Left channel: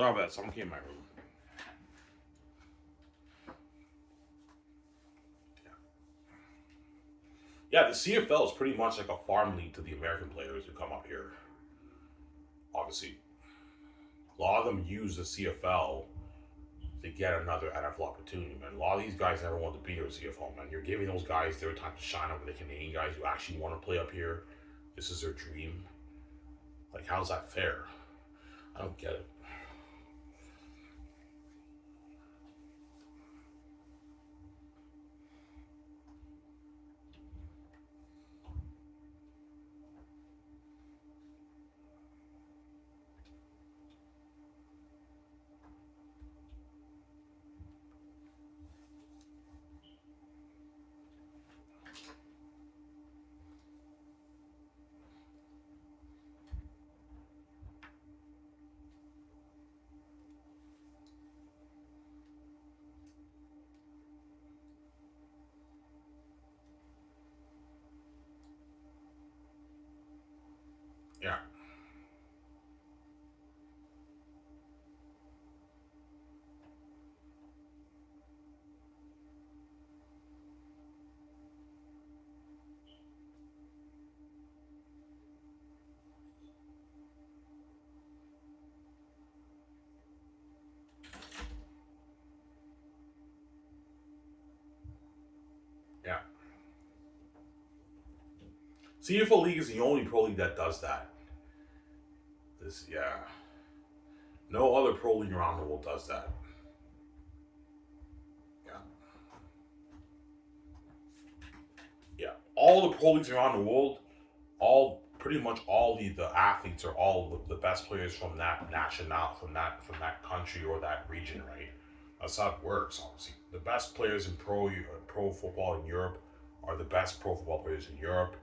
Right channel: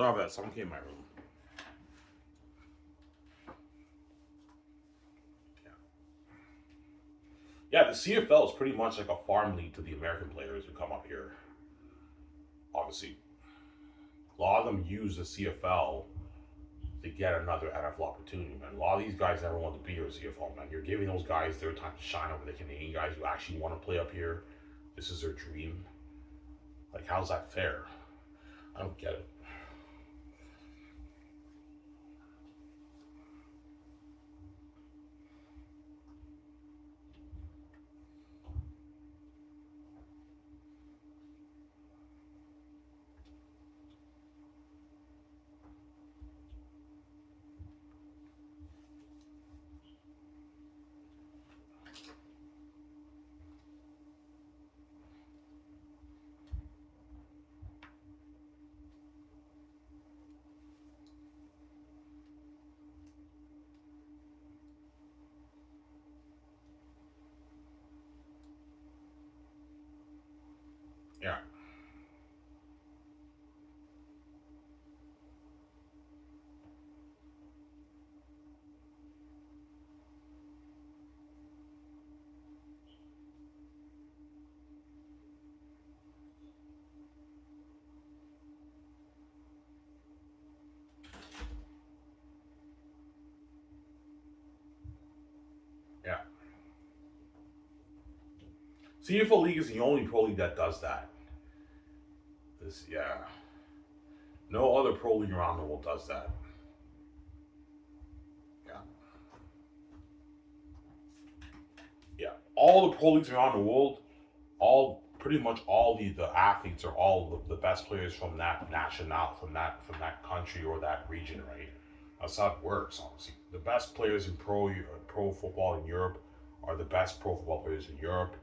Sorry about that. Someone came in my room. Yeah, the CFL is pretty much like a farm league to the American players who come up here. Obviously, a lot of them use the CFL to get another NFL opportunity, man. A lot of these guys never want to be here at CFL, man. You're giving those guys their time to shine over the Canadian guys who actually want to play up here. This is their dream. Like, how's that fair? I don't get it. Yeah, yeah. CFL League is the only pro league that does that. This, yeah. No other pro league around the world does that. Yeah. Yeah. All the pro leagues around the world, all pretty much all the athletes are all the best players from that national from that country or that region, right? That's how it works. Obviously, the best players in pro football in Europe are the best pro football players in Europe.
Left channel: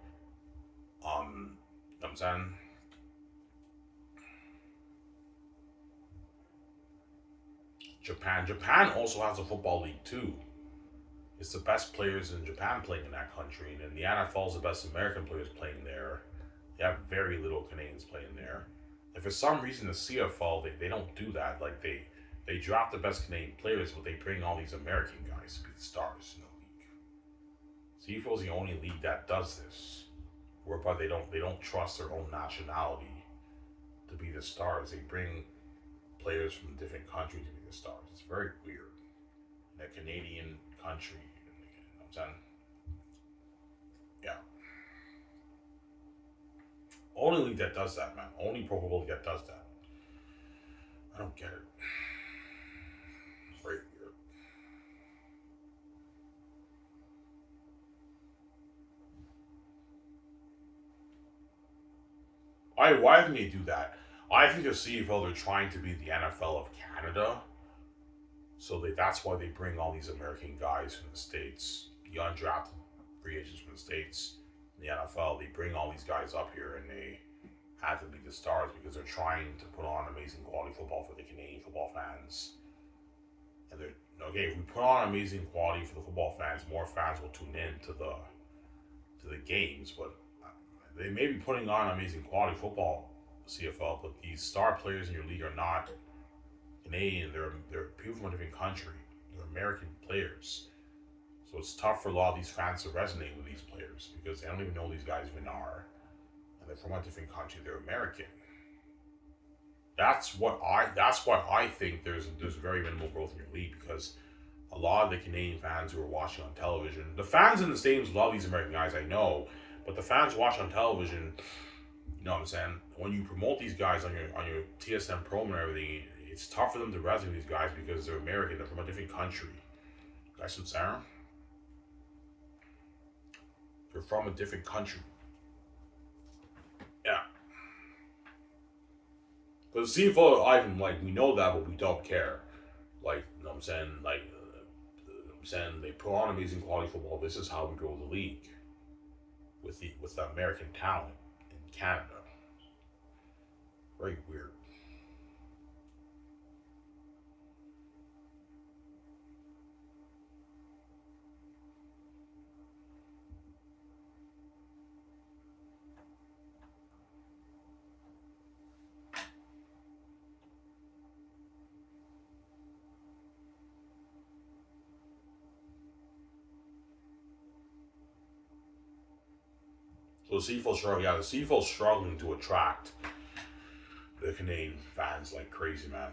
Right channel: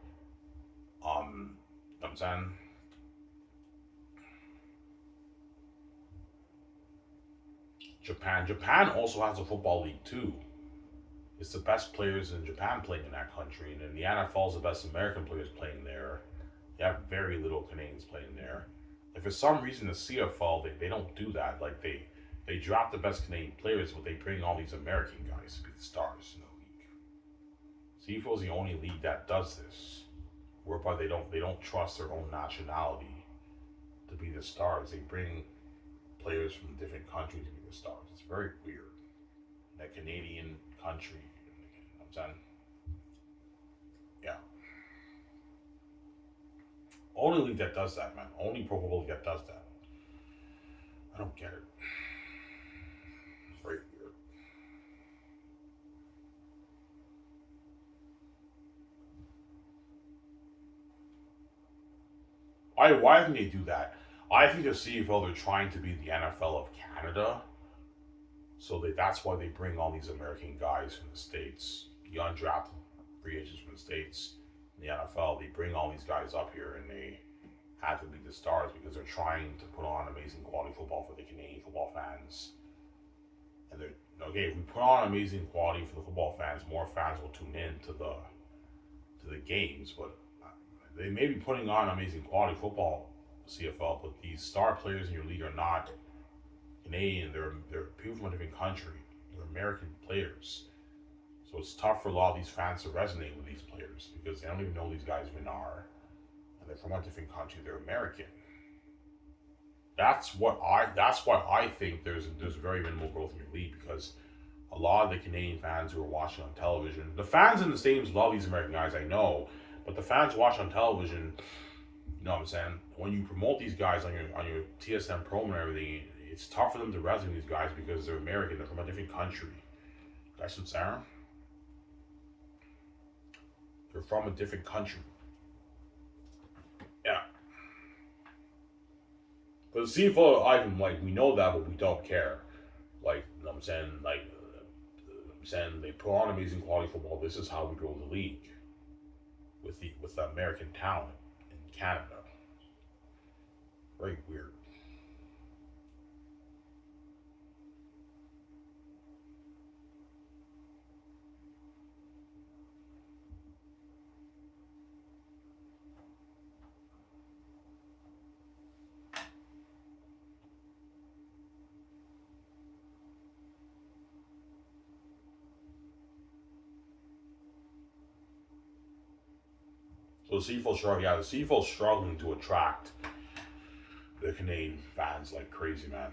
You know what I'm saying, Japan also has a football league too. It's the best players in Japan playing in that country, and then the NFL is the best American players playing there. They have very little Canadians playing there. And for some reason, the CFL they don't do that. Like they draft the best Canadian players, but they bring all these American guys to be the stars in the league. CFL is the only league that does this, whereby they don't trust their own nationality to be the stars. They bring players from different countries to be the stars. It's very weird. In a Canadian country, you know what I'm saying? Yeah. Only league that does that, man. Only Pro Football league that does that. I don't get it. It's very weird. Why didn't they do that? I think the CFL they're trying to be the NFL of Canada, so that's why they bring all these American guys from the states, the undrafted free agents from the states, in the NFL. They bring all these guys up here, and they have to be the stars because they're trying to put on amazing quality football for the Canadian football fans. And they're okay. If we put on amazing quality for the football fans, more fans will tune in to the games. But they may be putting on amazing quality football, CFL, but these star players in your league are not Canadian. They're people from a different country. They're American players. So it's tough for a lot of these fans to resonate with these players because they don't even know who these guys even are, and they're from a different country. They're American. That's why I think there's very minimal growth in your league because a lot of the Canadian fans who are watching on television, the fans in the stadiums love these American guys, I know, but the fans who watch on television, you know what I'm saying? When you promote these guys on your TSM promo and everything, it's tough for them to resonate with these guys because they're American, they're from a different country. That's what Sarah. They're from a different country. Yeah. But the CFO, Ivan, like we know that, but we don't care. Like, you know what I'm saying? Like, I'm saying they put on amazing quality football. This is how we grow the league with the American talent in Canada. Very weird. So the CFL struggling to attract the Canadian fans like crazy, man.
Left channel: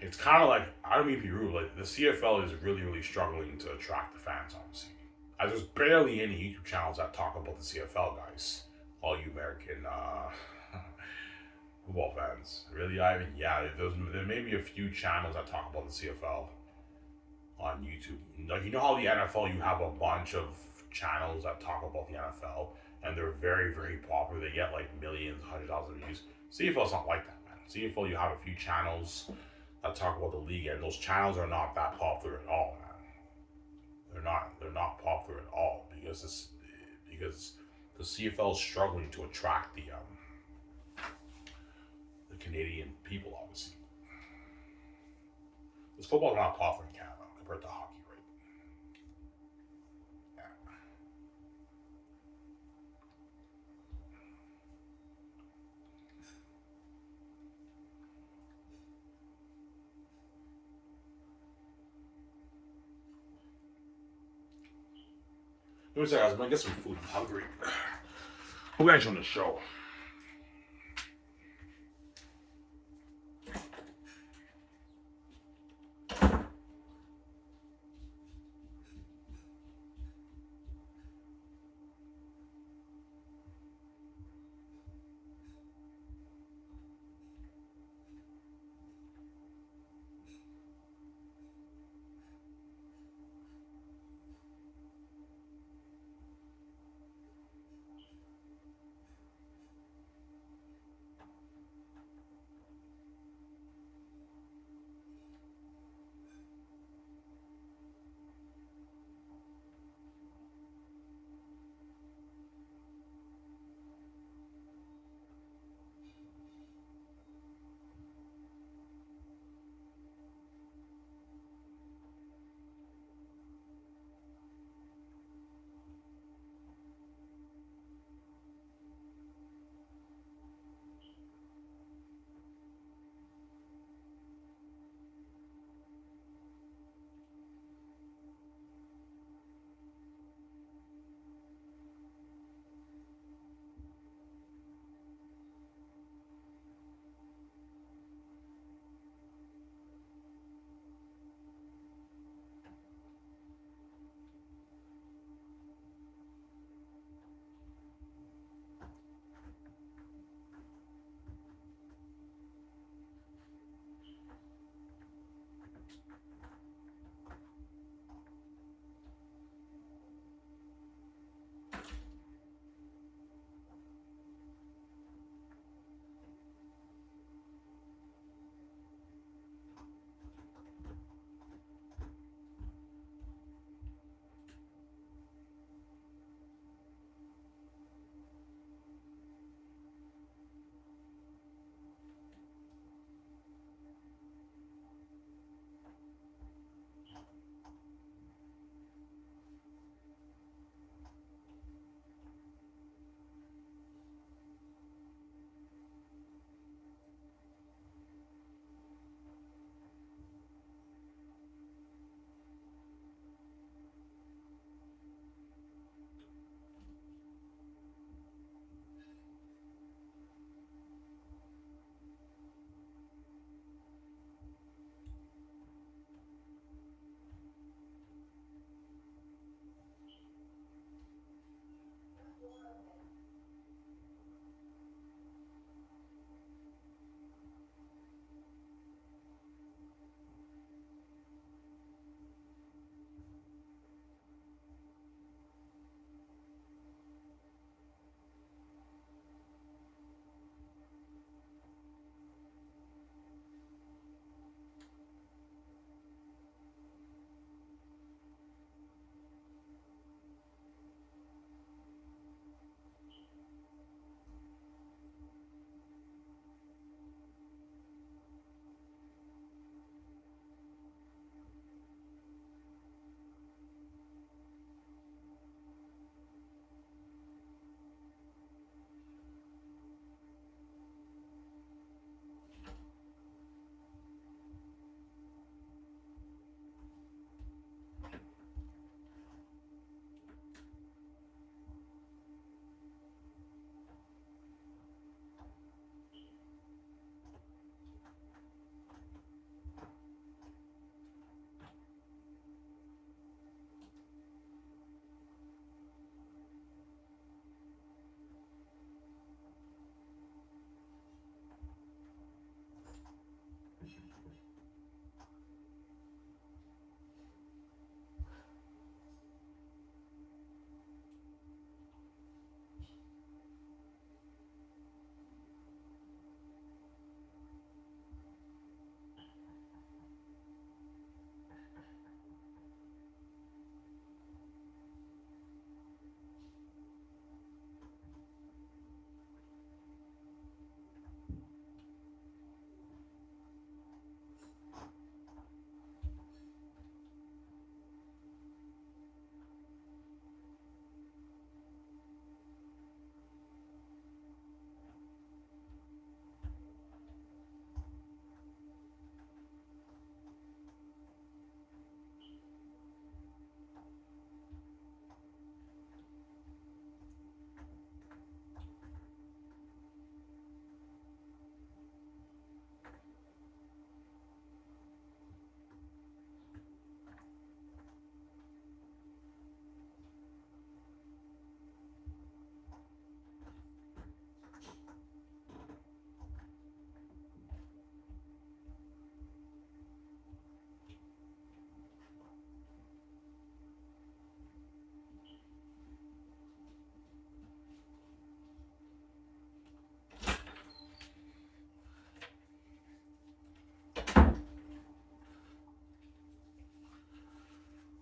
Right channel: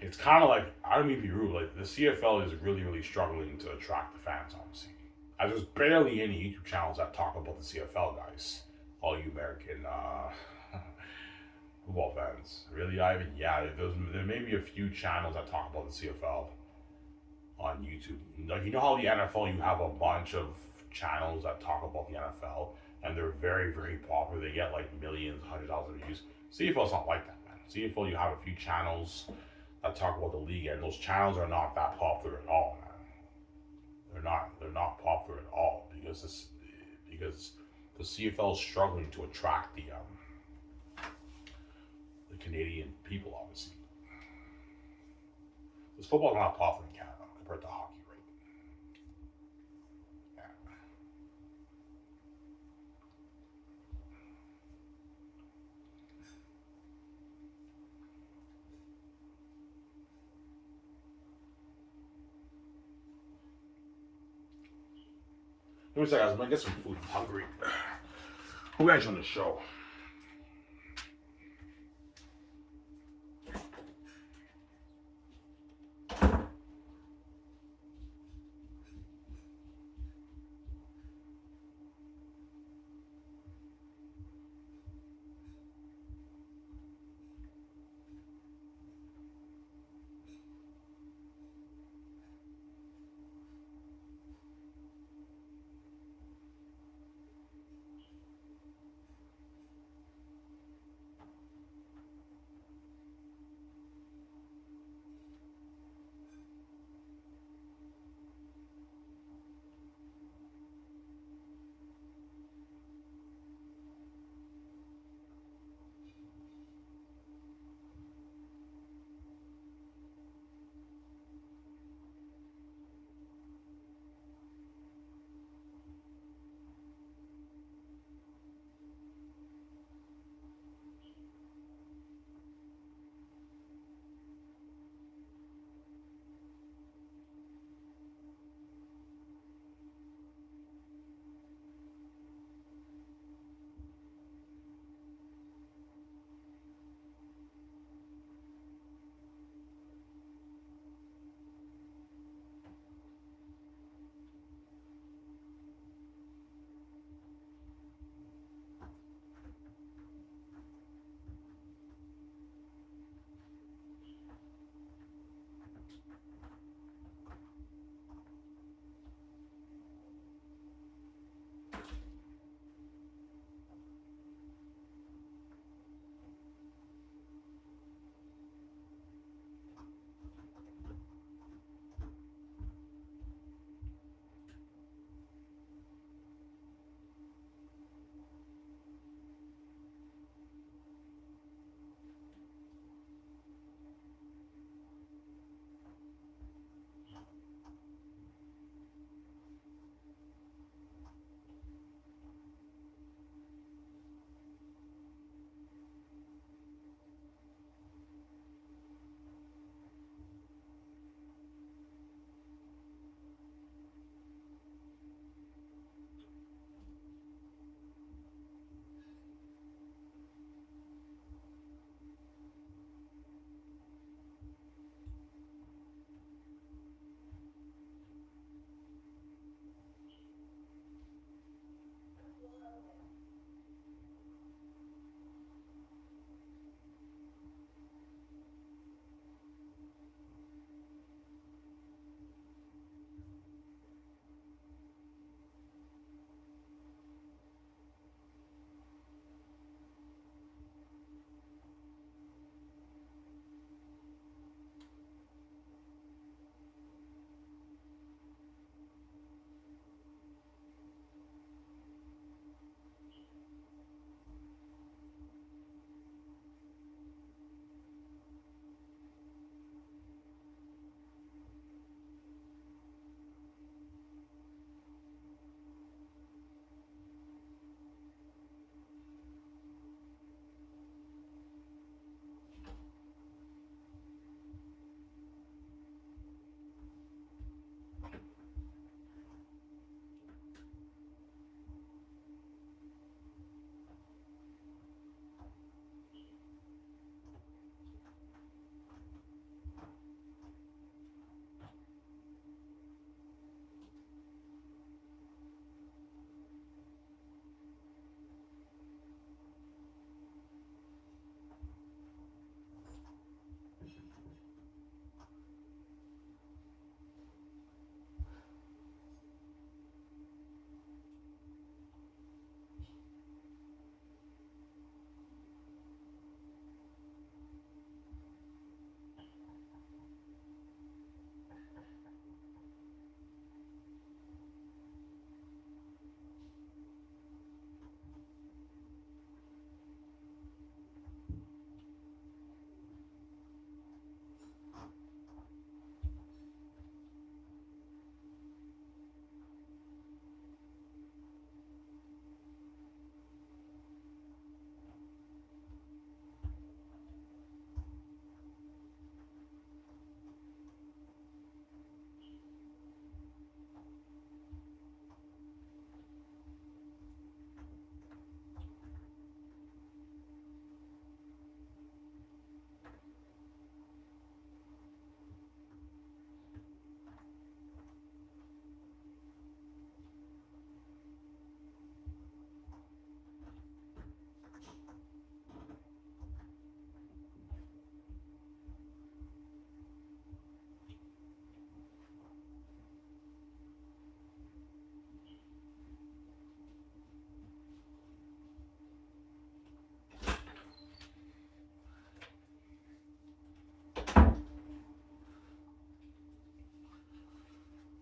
It's kind of like, I don't mean to be rude, like the CFL is really, really struggling to attract the fans, obviously. As there's barely any YouTube channels that talk about the CFL, guys. All you American football fans. Really, Ivan? Yeah, there may be a few channels that talk about the CFL on YouTube. Like, you know how the NFL, you have a bunch of channels that talk about the NFL, and they're very, very popular. They get like millions, 100,000 views. CFL's not like that, man. CFL, you have a few channels that talk about the league, and those channels are not that popular at all, man. They're not popular at all because the CFL is struggling to attract the Canadian people, obviously. Because football's not popular in Canada compared to hockey, right? Yeah. Let me say, guys, I'm gonna get some food. I'm hungry. Who guys on the show?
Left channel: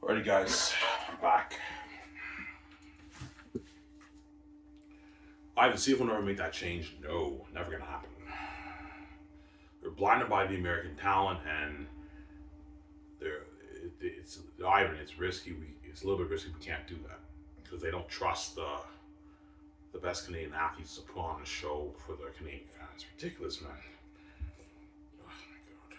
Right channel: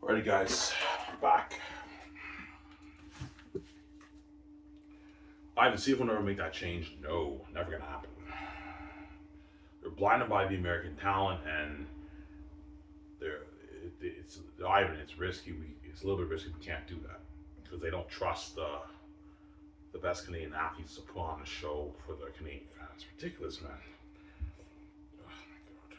Alrighty, guys, back. I haven't seen if we'll never make that change. No, never gonna happen. They're blinded by the American talent, and it's risky. It's a little bit risky. We can't do that because they don't trust the best Canadian athletes to put on a show for the Canadian fans. Ridiculous, man. Oh my god.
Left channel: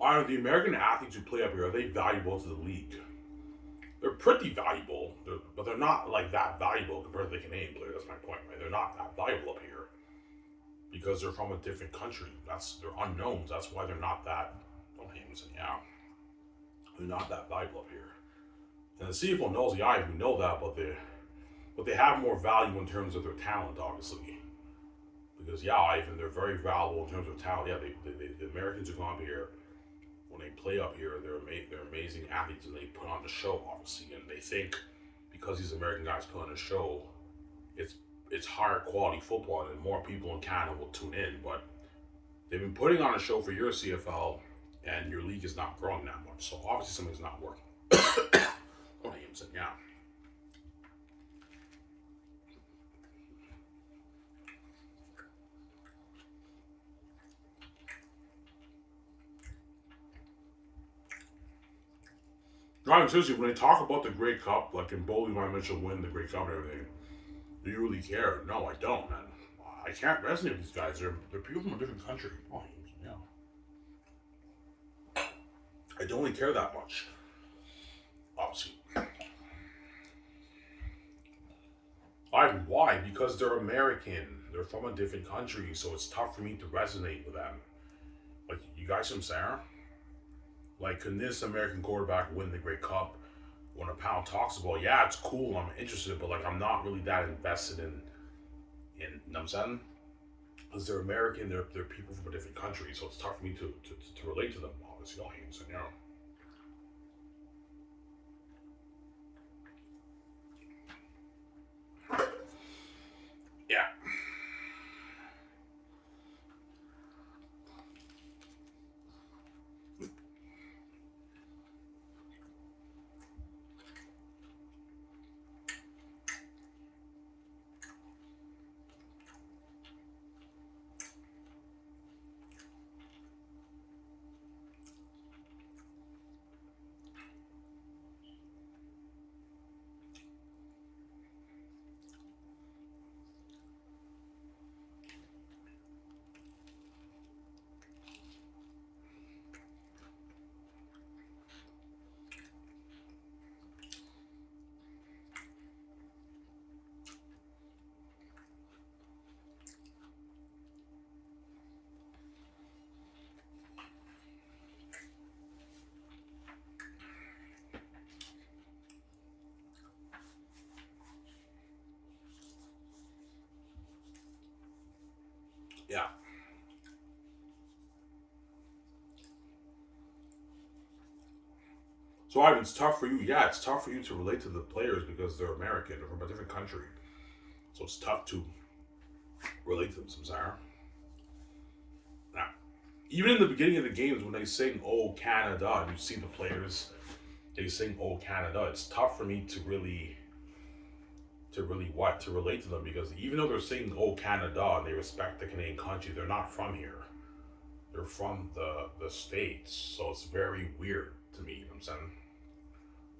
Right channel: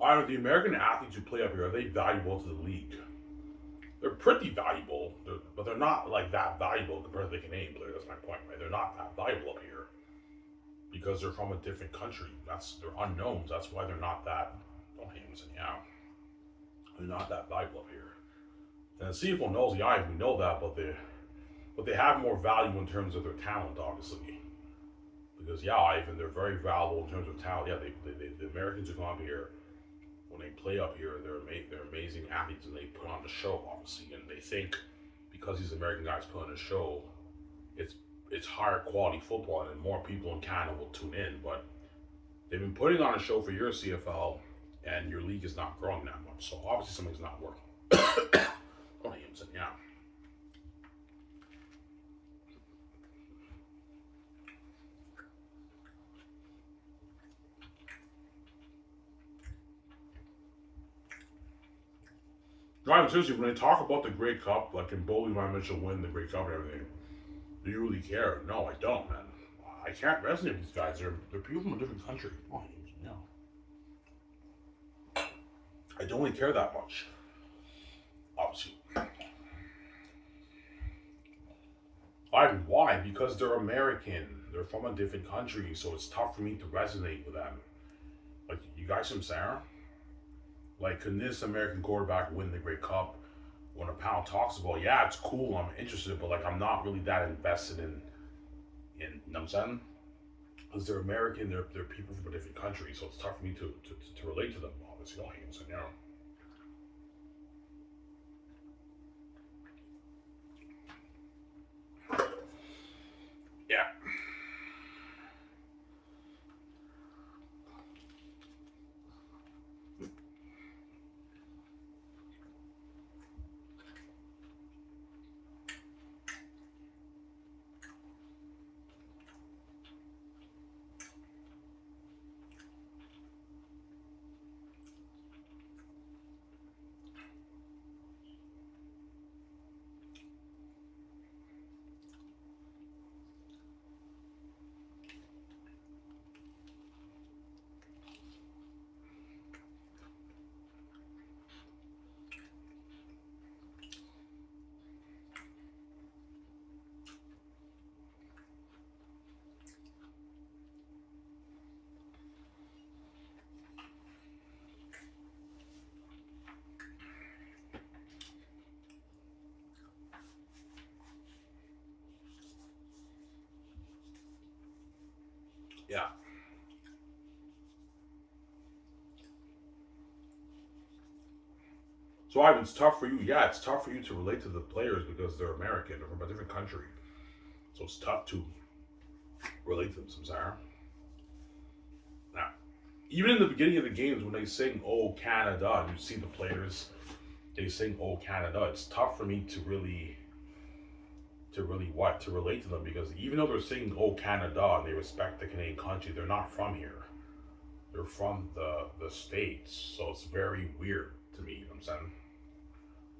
Are the American athletes who play up here, are they valuable to the league? They're pretty valuable, but they're not like that valuable compared to the Canadian players. That's my point, right? They're not that valuable up here because they're from a different country. They're unknowns. That's why they're not that. Don't hate them, yeah. They're not that valuable up here. And the CFL knows, yeah, we know that, but they have more value in terms of their talent, obviously. Because yeah, Ivan, they're very valuable in terms of talent. Yeah, the Americans who come up here, when they play up here, they're amazing athletes and they put on the show, obviously. And they think because these American guys put on a show, it's higher quality football and more people in Canada will tune in. But they've been putting on a show for your CFL, and your league is not growing that much. So obviously something's not working. Go ahead, yeah. No, I'm seriously, when they talk about the Grey Cup, like in bowling, Ryan Mitchell win the Grey Cup and everything, do you really care? No, I don't, man. I can't resonate with these guys. They're people from a different country. Oh, yeah. I don't really care that much. Obviously. Why? Because they're American. They're from a different country, so it's tough for me to resonate with them. Like, you guys from Sarah? Like, can this American quarterback win the Grey Cup? When a pound talks about, yeah, it's cool, I'm interested, but like, I'm not really that invested in you know what I'm saying? Because they're American, they're people from a different country, so it's tough for me to relate to them, obviously. You know. Yeah. So Ivan, it's tough for you. Yeah, it's tough for you to relate to the players because they're American, they're from a different country. So it's tough to relate to them, Samsara. Now, even in the beginning of the games when they sing "Oh Canada," and you see the players, they sing "Oh Canada." It's tough for me to relate to them because even though they're singing "Oh Canada" and they respect the Canadian country, they're not from here. They're from the states, so it's very weird to me. You know what I'm saying?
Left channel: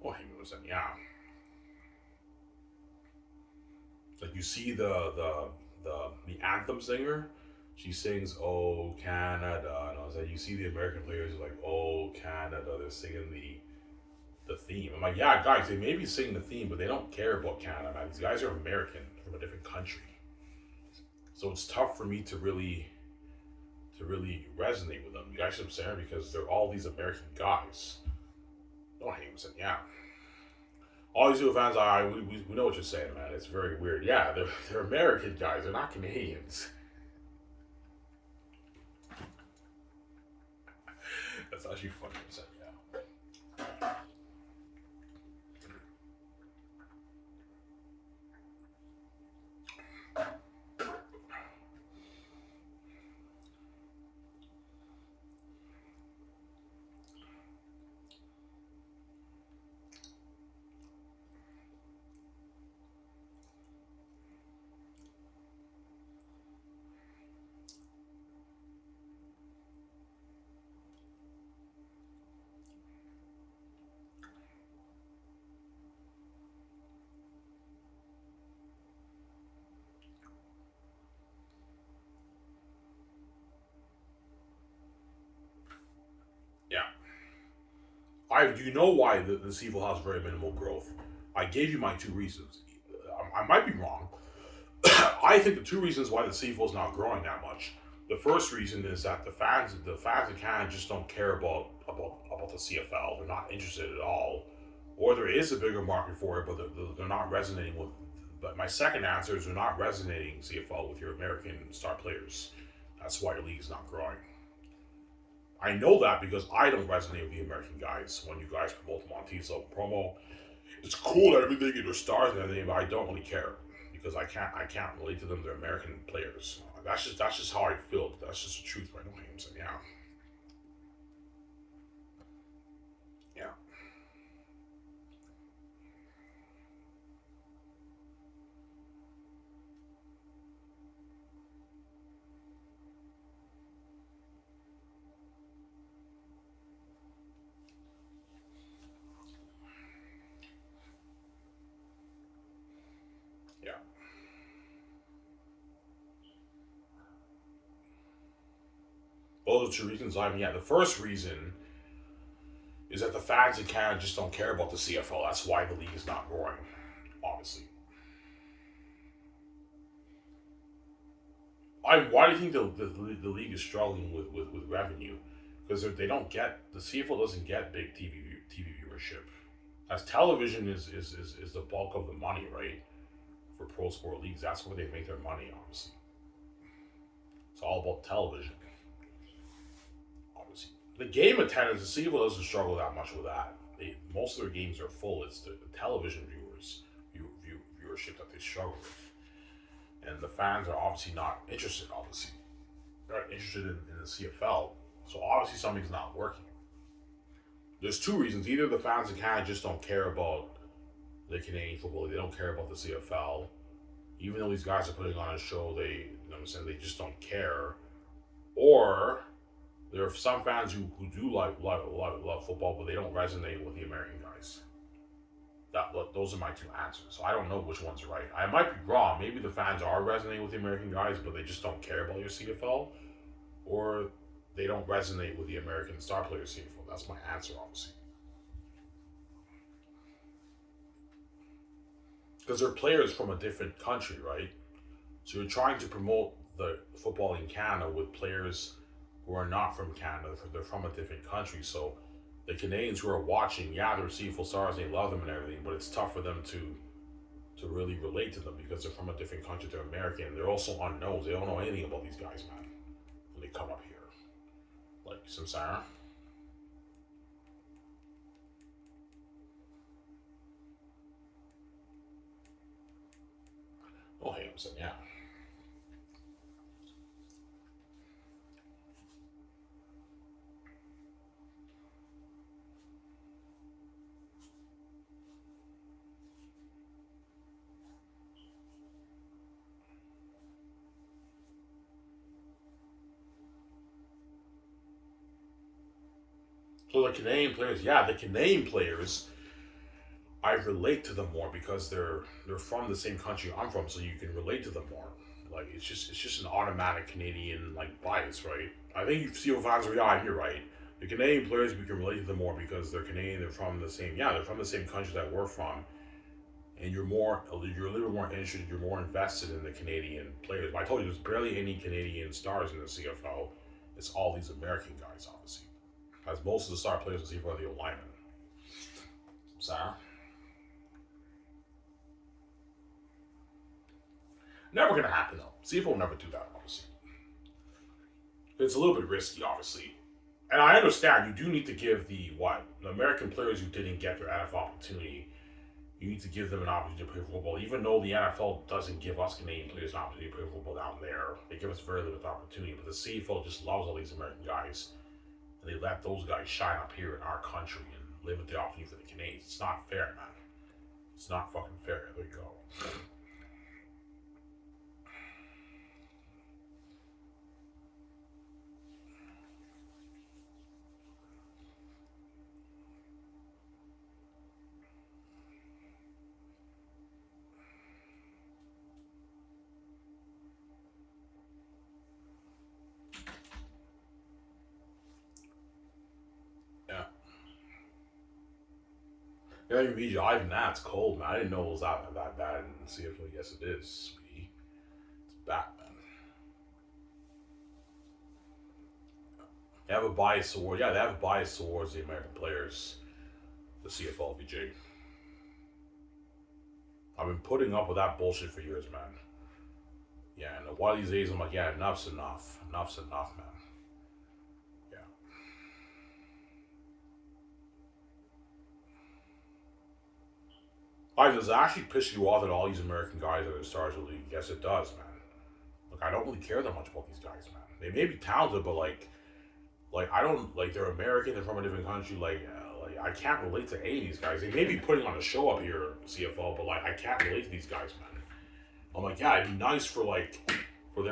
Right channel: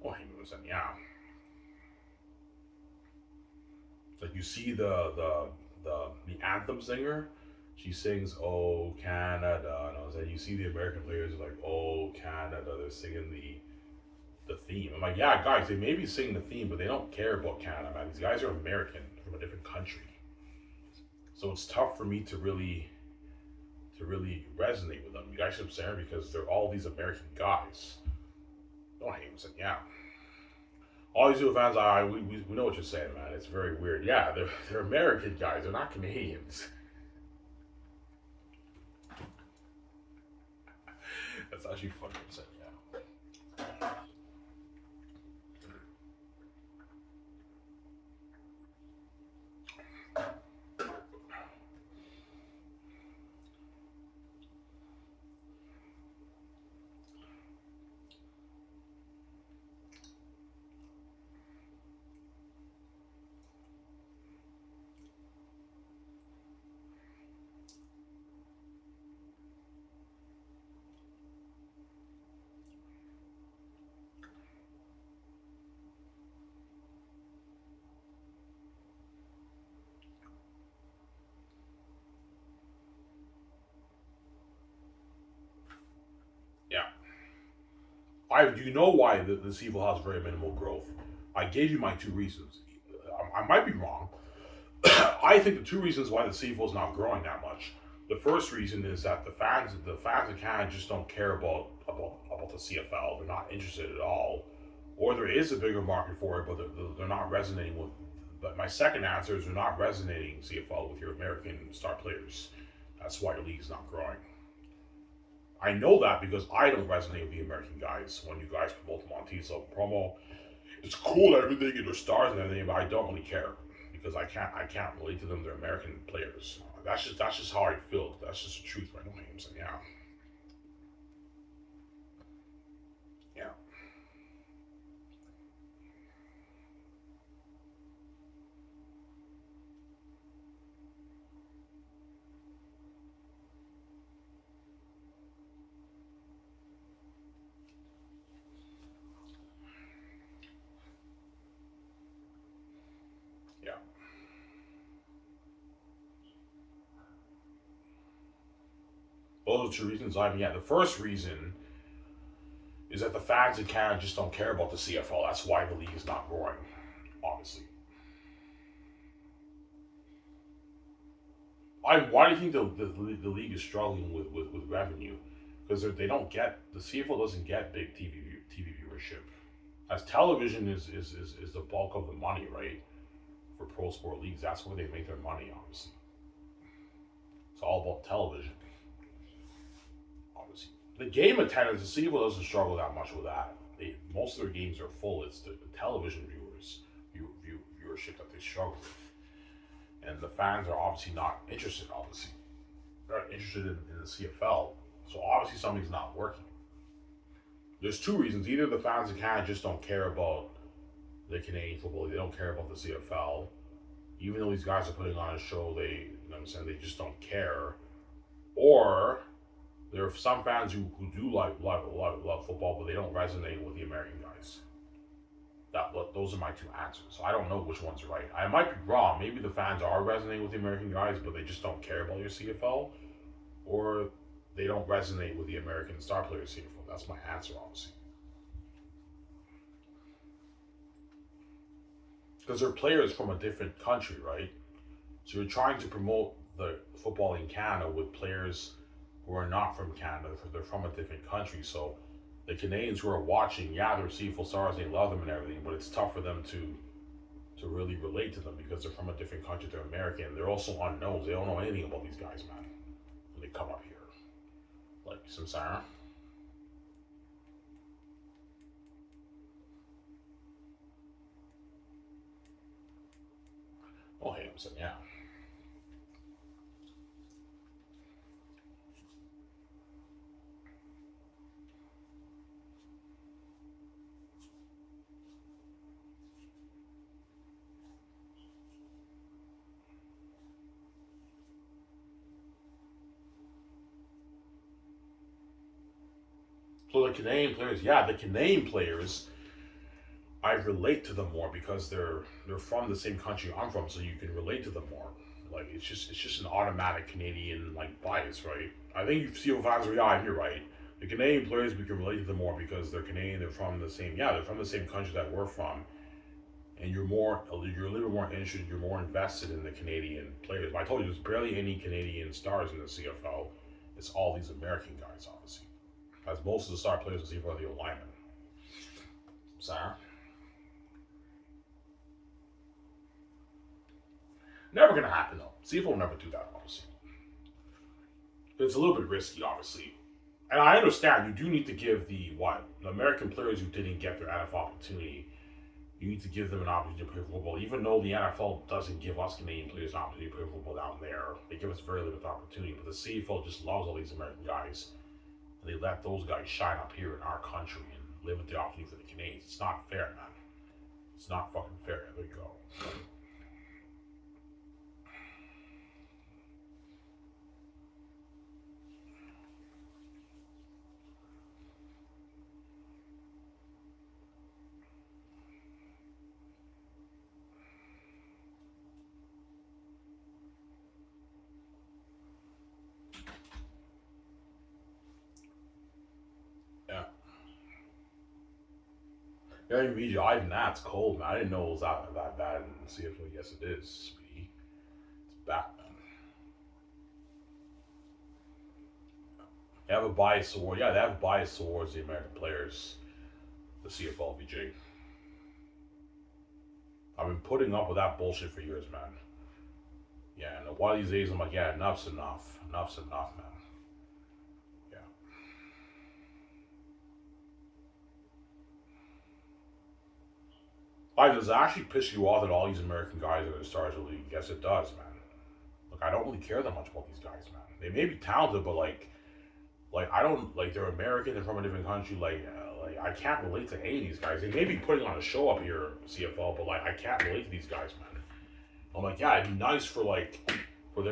Oh, hang on a second. Yeah, like you see the anthem singer, she sings "Oh Canada," and I was like, you see the American players like "Oh Canada," they're singing the theme. I'm like, yeah, guys, they may be singing the theme, but they don't care about Canada, man. These guys are American from a different country, so it's tough for me to really resonate with them. You guys know what I'm saying? Because they're all these American guys. Don't hate him, yeah. All these new fans, we know what you're saying, man. It's very weird. Yeah, they're American guys. They're not Canadians. That's actually funny. Yeah. Yeah. Do you know why the CFL has very minimal growth? I gave you my two reasons. I might be wrong. I think the two reasons why the CFL is not growing that much. The first reason is that the fans in Canada just don't care about the CFL. They're not interested at all, or there is a bigger market for it, but they're not resonating with. But my second answer is they're not resonating CFL with your American star players. That's why the league is not growing. I know that because I don't resonate with the American guys when you guys promote them on TV. So promo, it's cool and everything, and their stars and everything, but I don't really care because I can't relate to them. They're American players. That's just how I feel. That's just the truth, right? I'm saying, yeah, yeah, yeah. Those are two reasons. I mean, yeah, the first reason is that the fans in Canada just don't care about the CFL. That's why the league is not growing. Obviously, why do you think the league is struggling with revenue? Because they don't get the CFL doesn't get big TV viewership. As television is the bulk of the money, right? For pro sport leagues, that's where they make their money. Obviously, it's all about television. Obviously, the game attendance, the CFL doesn't struggle that much with that. Most of their games are full. It's the television viewership that they struggle with, and the fans are obviously not interested. Obviously, they're not interested in the CFL. So obviously something's not working. There's two reasons. Either the fans in Canada just don't care about the Canadian football. They don't care about the CFL. Even though these guys are putting on a show, you know what I'm saying, they just don't care. Or there are some fans who do love football, but they don't resonate with the American guys. Those are my two answers. So I don't know which one's right. I might be wrong. Maybe the fans are resonating with the American guys, but they just don't care about your CFL, or they don't resonate with the American star players CFL. That's my answer, obviously, because they're players from a different country, right? So you're trying to promote the football in Canada with players who are not from Canada. They're from a different country. So the Canadians who are watching, yeah, they're CFL stars, they love them and everything, but it's tough for them to really relate to them because they're from a different country. They're American. They're also unknowns. They don't know anything about these guys, man. When they come up here, like Samsara. Oh, hey, I'm saying, yeah. So the Canadian players, yeah, the Canadian players, I relate to them more because they're from the same country I'm from, so you can relate to them more. Like it's just an automatic Canadian like bias, right? I think you see fans are yeah, you're right. The Canadian players we can relate to them more because they're Canadian, they're from the same they're from the same country that we're from, and you're a little bit more interested, you're more invested in the Canadian players. But I told you there's barely any Canadian stars in the CFL. It's all these American guys, obviously, as most of the star players in the CFL are the linemen. Sarah. Never gonna happen though. CFL will never do that, obviously. It's a little bit risky, obviously. And I understand you do need to give the American players who didn't get their NFL opportunity, you need to give them an opportunity to play football. Even though the NFL doesn't give us Canadian players an opportunity to play football down there, they give us very limited opportunity. But the CFL just loves all these American guys, and they let those guys shine up here in our country and limit the opportunity for the Canadians. It's not fair, man. It's not fucking fair. There you go. Yeah. Yeah, you mean even that's cold, man. I didn't know it was that bad in CFL. Yes, it is. It's bad, man. They have a bias toward they have a bias towards the American players, the CFL VJ. I've been putting up with that bullshit for years, man. Yeah, and one of these days I'm like, yeah, enough's enough. Enough's enough, man. Yeah. Like, does it actually piss you off that all these American guys are the stars of the league? Yes, it does, man. Look, I don't really care that much about these guys, man. They may be talented, but like I don't like they're American. They're from a different country. Like I can't relate to any of these guys. They may be putting on a show up here, CFL, but like I can't relate to these guys, man. I'm like, yeah, it'd be nice for for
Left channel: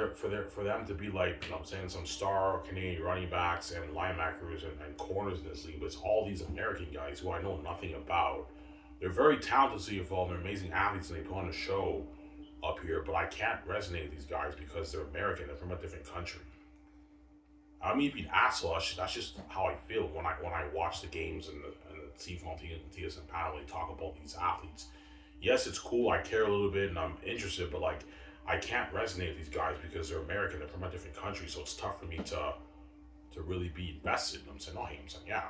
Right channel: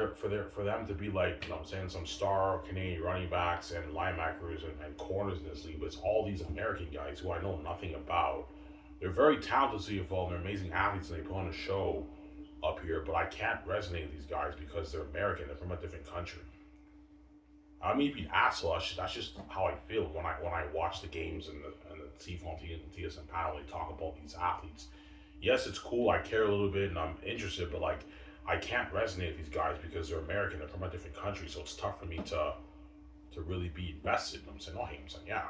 them to be like, you know what I'm saying, some star Canadian running backs and linebackers and corners in this league, but it's all these American guys who I know nothing about. They're very talented CFL and they're amazing athletes and they put on a show up here, but I can't resonate with these guys because they're American. They're from a different country. I mean, being asshole. That's just how I feel when I watch the games and the CFL and TSN panel. They talk about these athletes. Yes, it's cool. I care a little bit and I'm interested, but like I can't resonate with these guys because they're American. They're from a different country, so it's tough for me to really be invested. And I'm saying, oh, hey, I'm saying, yeah,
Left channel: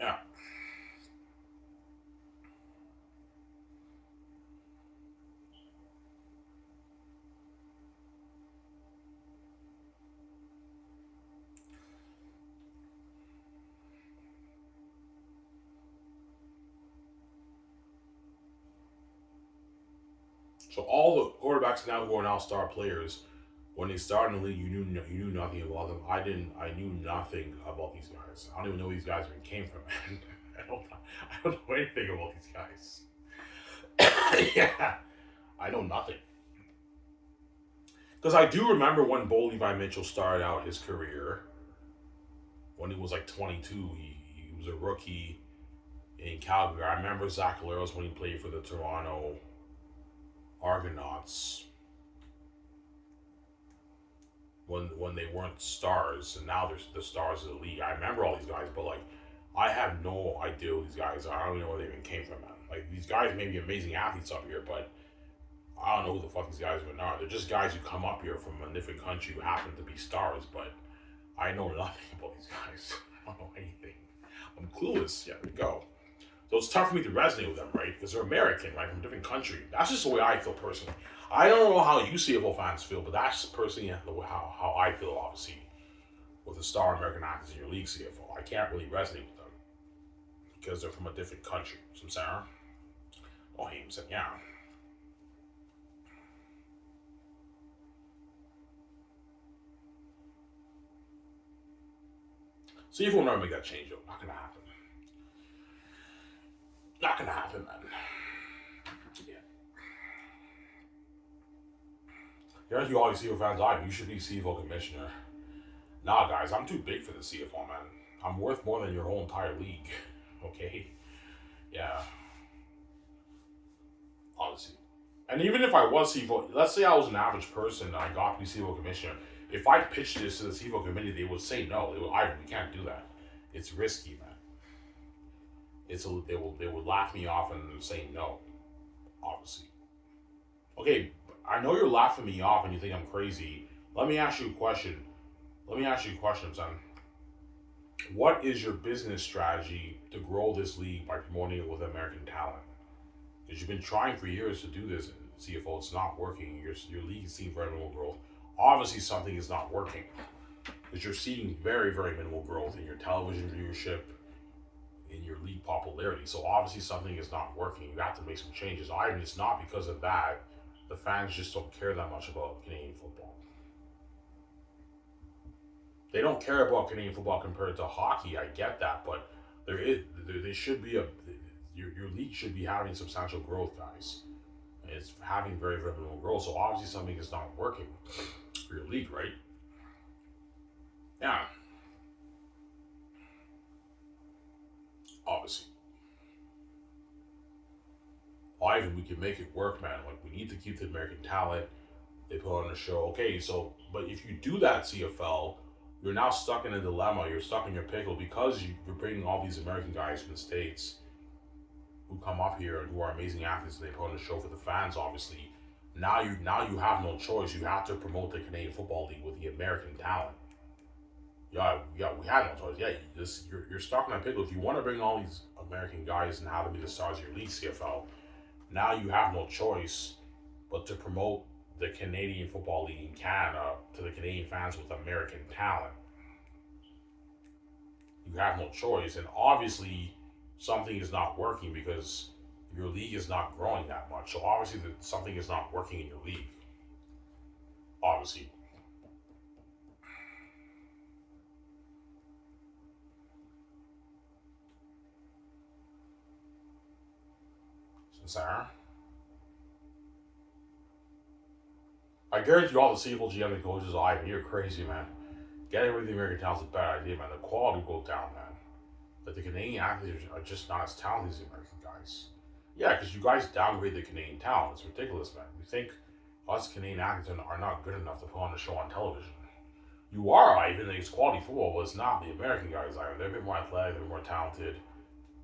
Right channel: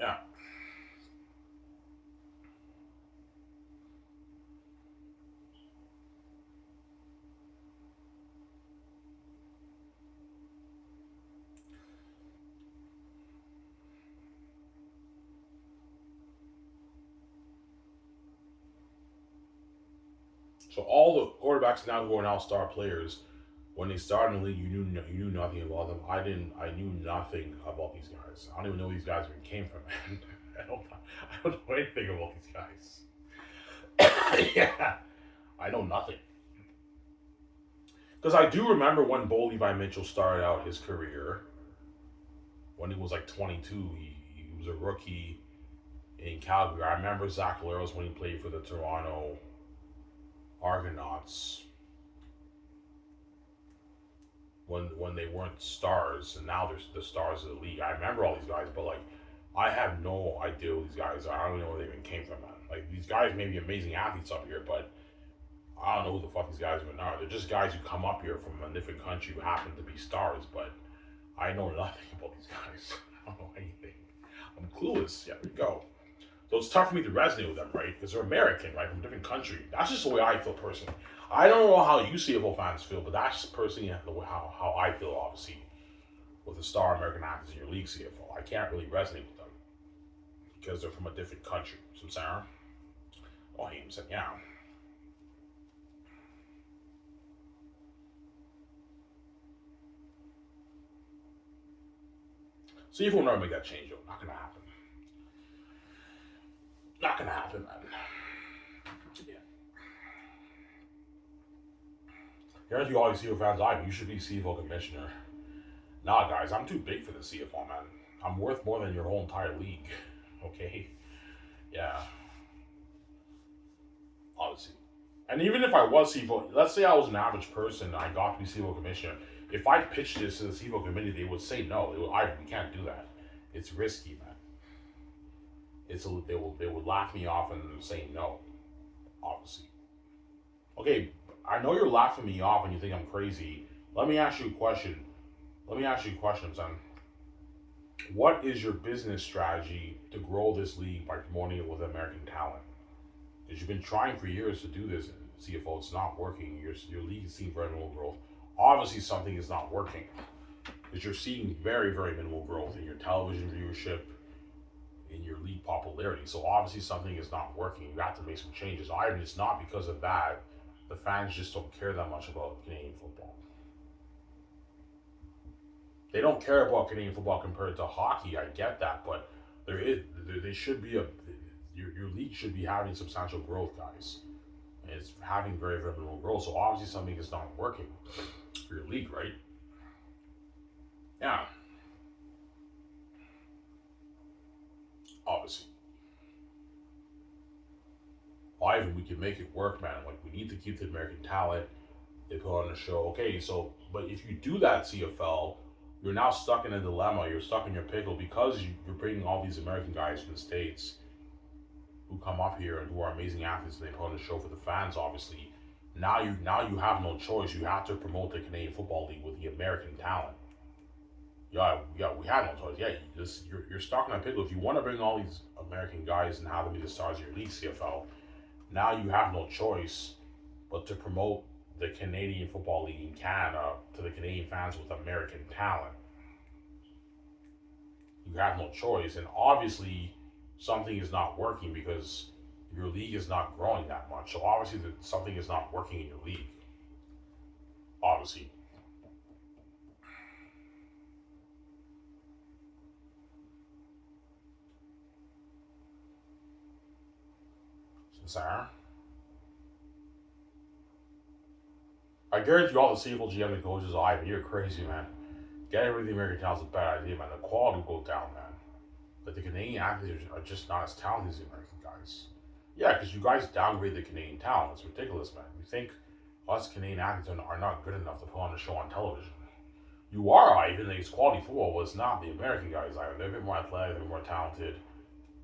yeah. So all the quarterbacks now who are now star players, when they started in the league, you knew nothing about them. I didn't. I knew nothing about these guys. I don't even know where these guys even came from, man. I don't know anything about these guys. Yeah, I know nothing. Because I do remember when Bo Levi Mitchell started out his career when he was like 22. He was a rookie in Calgary. I remember Zach Leros when he played for the Toronto Argonauts when they weren't stars, and now they're the stars of the league. I remember all these guys, but like I have no idea who these guys are. I don't even know where they even came from, man. Like these guys may be amazing athletes up here, but I don't know who the fuck these guys even are. They're just guys who come up here from a different country who happen to be stars, but I know nothing about these guys. I don't know anything. I'm clueless. Yeah, there we go. So it's tough for me to resonate with them, right? Because they're American, right, from a different country. That's just the way I feel personally. I don't know how you CFL fans feel, but that's personally how I feel, obviously, with the star American actors in your league CFL. I can't really resonate with them because they're from a different country. So, Sarah? Oh, Hampson, yeah. See if we'll never make that change, though. Not gonna happen. Not gonna happen, man. Yeah. Here's you all you CFL fans like, you should be CFL commissioner. Nah, guys, I'm too big for the CFL, man. I'm worth more than your whole entire league. Okay? Yeah, honestly. And even if I was CFL, let's say I was an average person and I got to be CFL commissioner. If I pitched this to the CFL committee, they would say no. We can't do that. It's risky, man. They would laugh me off and say no, obviously. Okay, I know you're laughing me off and you think I'm crazy. Let me ask you a question. Son. What is your business strategy to grow this league by promoting it with American talent? Because you've been trying for years to do this in CFO, it's not working. Your league is seeing very minimal growth. Obviously, something is not working because you're seeing very, very minimal growth in your television viewership, in your league popularity. So obviously, something is not working. You have to make some changes. And it's not because of that. The fans just don't care that much about Canadian football. They don't care about Canadian football compared to hockey. I get that, but there should be your league should be having substantial growth, guys. And it's having very, very minimal growth. So obviously something is not working for your league, right? Yeah, obviously. Ivan, we can make it work, man. Like we need to keep the American talent. They put on the show. Okay, so but if you do that CFL, you're now stuck in a dilemma. You're stuck in your pickle because you're bringing all these American guys from the states who come up here and who are amazing athletes. And they put on the show for the fans, obviously. Now you have no choice. You have to promote the Canadian Football League with the American talent. Yeah, we had no choice. Yeah, you're stuck in a pickle. If you want to bring all these American guys and have them be the stars of your league, CFL, now you have no choice but to promote the Canadian Football League in Canada to the Canadian fans with American talent. You have no choice, and obviously something is not working because your league is not growing that much. So obviously something is not working in your league. Obviously, Sarah, I guarantee you all the CFL GM and coaches are Ivan, you're crazy, man. Getting rid of the American talent is a bad idea, man. The quality will go down, man. Like the Canadian athletes are just not as talented as the American guys. Yeah, because you guys downgrade the Canadian talent. It's ridiculous, man. You think us Canadian athletes are not good enough to put on a show on television. You are, Ivan. It's quality football, but it's not the American guys, Ivan. They're a bit more athletic, they're more talented.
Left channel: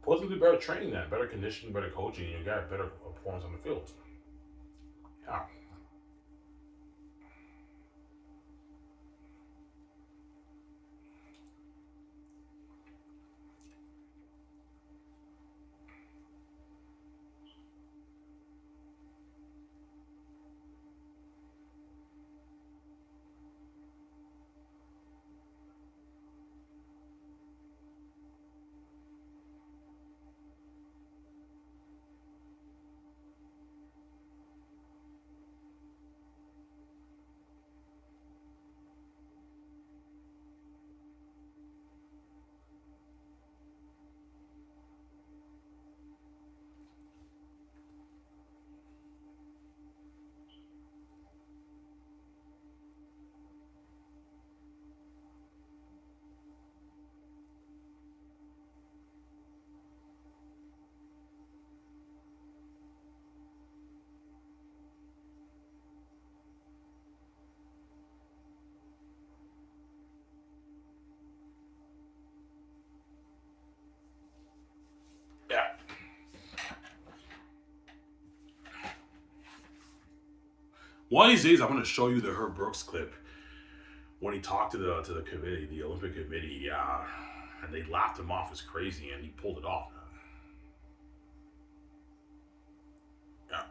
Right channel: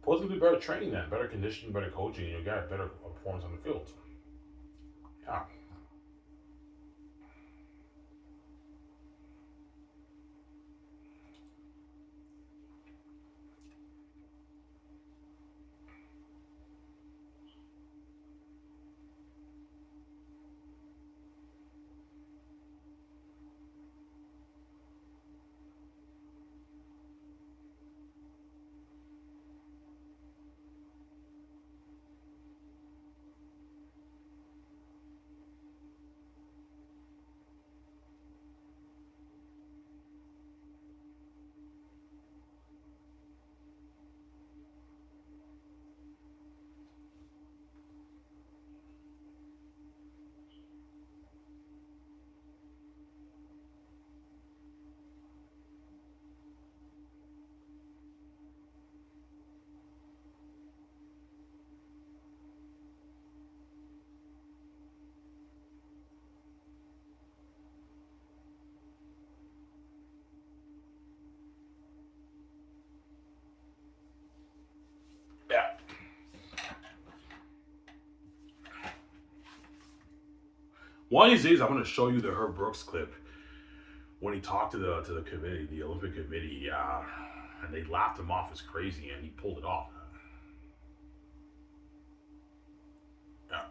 Put them through better training then, better conditioning, better coaching, and you'll get a better performance on the field. Yeah. Yeah. One of these days, I'm going to show you the Herb Brooks clip when he talked to the committee, the Olympic committee, and they laughed him off as crazy, and he pulled it off. Yeah.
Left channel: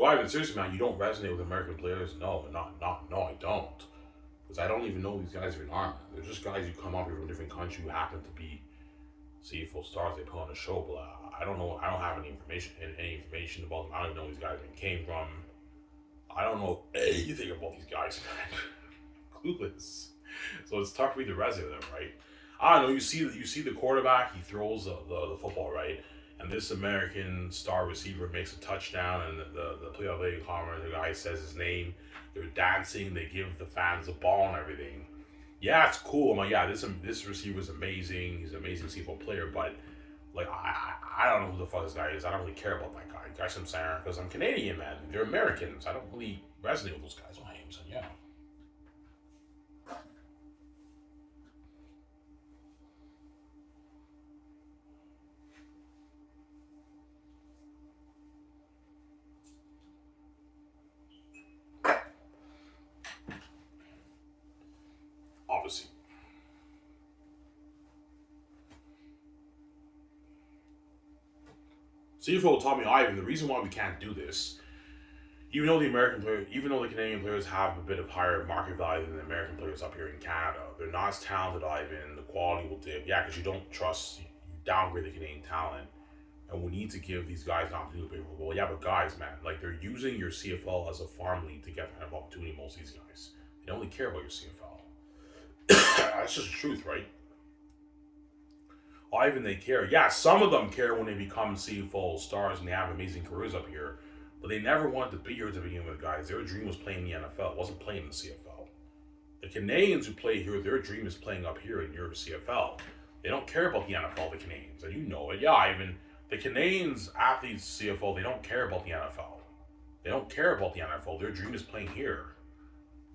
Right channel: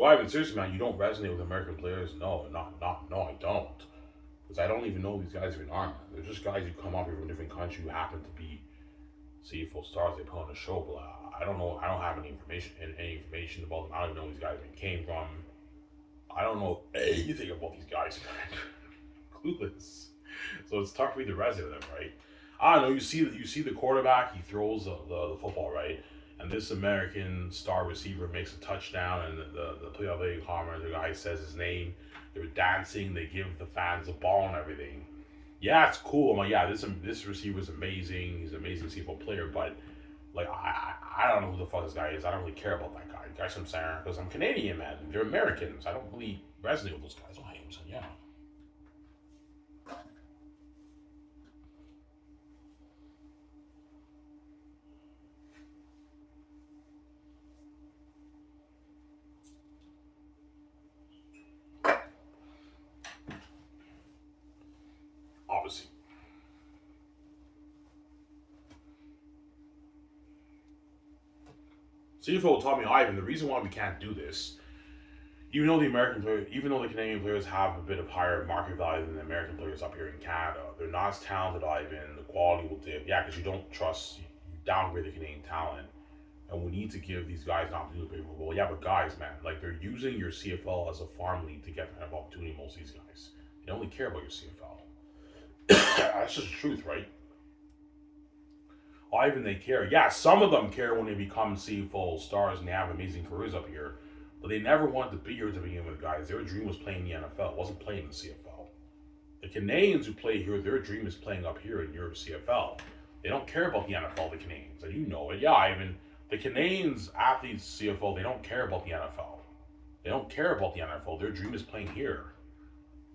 Do I even seriously, man? You don't resonate with American players? No, no, I don't. Because I don't even know these guys even are, man. They're just guys who come up here from a different country who happen to be CFL stars. They put on a show, but I don't know. I don't have any information about them. I don't know where these guys even came from. I don't know anything about these guys, man. Clueless. So it's tough for me to resonate with them, right? I don't know. You see the quarterback. He throws the football, right? And this American star receiver makes a touchdown, and the play-by-play commentator, the guy says his name. They're dancing. They give the fans the ball and everything. Yeah, it's cool. I'm like, yeah, this receiver is amazing. He's an amazing CFL player, but like, I don't know who the fuck this guy is. I don't really care about that guy. You guys, I'm saying, because I'm Canadian, man. They're Americans. I don't really resonate with those guys. Oh, hey, so yeah. Obviously. CFO taught me, Ivan, the reason why we can't do this, even though the Canadian players have a bit of higher market value than the American players up here in Canada, they're not as talented, Ivan. The quality will dip. Yeah, because you don't trust, you downgrade the Canadian talent. And we need to give these guys an opportunity to play football. Yeah, but guys, man, like they're using your CFL as a farm league to get an opportunity. Most of these guys, they only care about your CFL. That's just the truth, right? Or even they care. Yeah, some of them care when they become CFL stars and they have amazing careers up here, but they never wanted to be here to begin with, guys. Their dream was playing in the NFL. It wasn't playing in the CFL. The Canadians who play here, their dream is playing up here in Europe CFL. They don't care about the NFL, the Canadians, and you know it. Yeah, even the Canadians athletes CFL, they don't care about the NFL. They don't care about the NFL. Their dream is playing here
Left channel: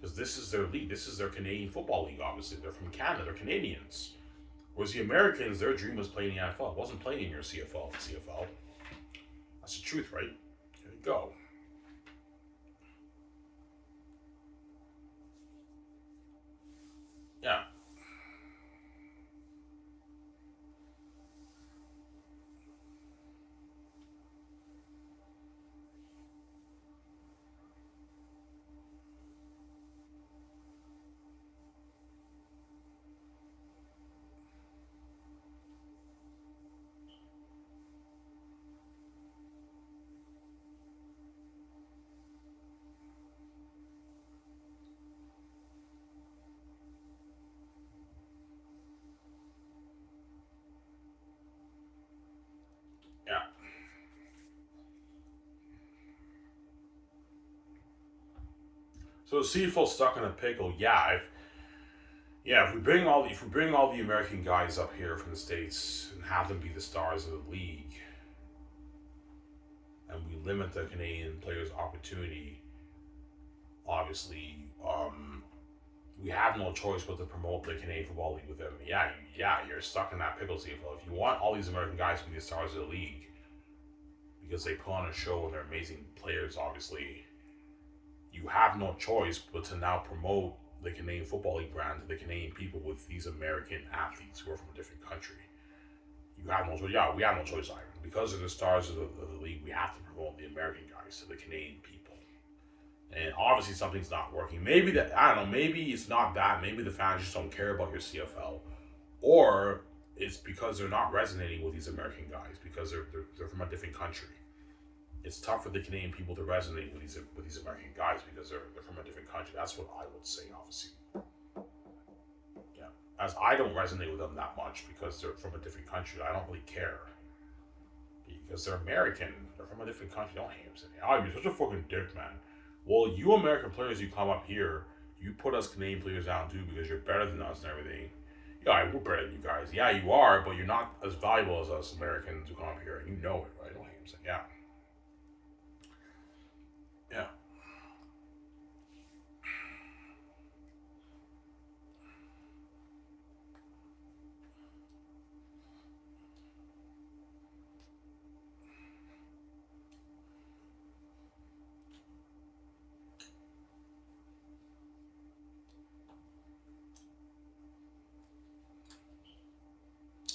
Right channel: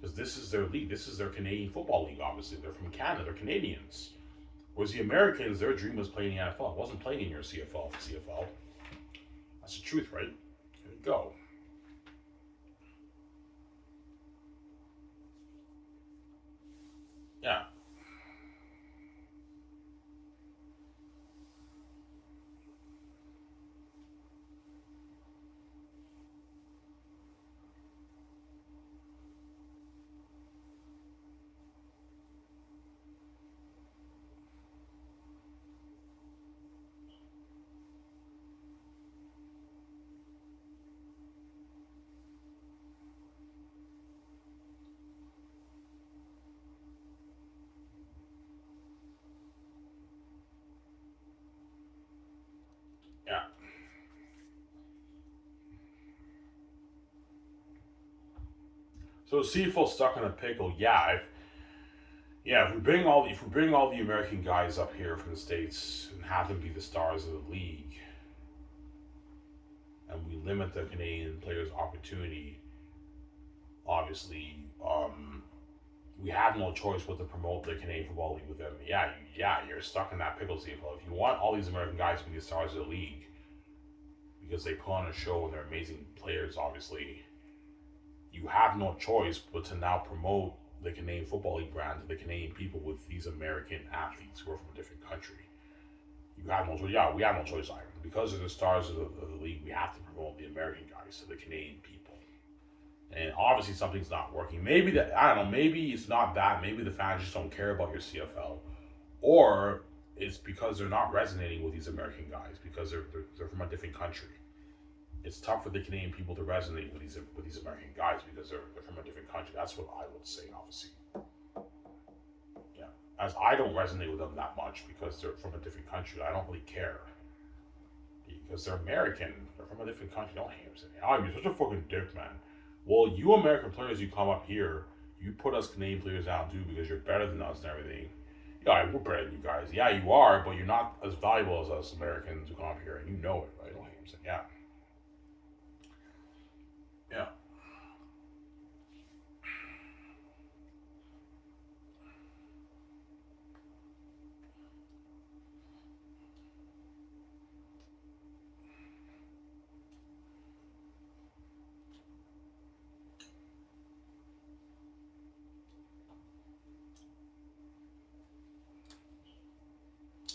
because this is their league. This is their Canadian football league. Obviously, they're from Canada. They're Canadians. Whereas the Americans, their dream was playing in the NFL. It wasn't playing in your CFL. That's the truth, right? There you go. Yeah. Yeah. So CFL stuck in a pickle. If we bring all the American guys up here from the states and have them be the stars of the league, and we limit the Canadian players' opportunity, obviously, we have no choice but to promote the Canadian Football League with them. You're stuck in that pickle, CFL. If you want all these American guys to be the stars of the league because they put on a show and they're amazing players, obviously, you have no choice but to now promote the Canadian Football League brand to the Canadian people with these American athletes who are from a different country. You have no choice. Yeah, we have no choice either. Because of the stars of the league, we have to promote the American guys to the Canadian people. And obviously something's not working. Maybe that, I don't know, maybe it's not that. Maybe the fans just don't care about your CFL. Or it's because they're not resonating with these American guys because they're from a different country. It's tough for the Canadian people to resonate with these American guys because they're from a different country. That's what I would say, obviously. Yeah, as I don't resonate with them that much because they're from a different country. I don't really care because they're American. They're from a different country. Don't hate them. I'm such a fucking dick, man. Well, you American players, you come up here, you put us Canadian players down too because you're better than us and everything. Yeah, we're better than you guys. Yeah, you are, but you're not as valuable as us Americans who come up here, and you know it, right? Don't hate them. Yeah. Yeah.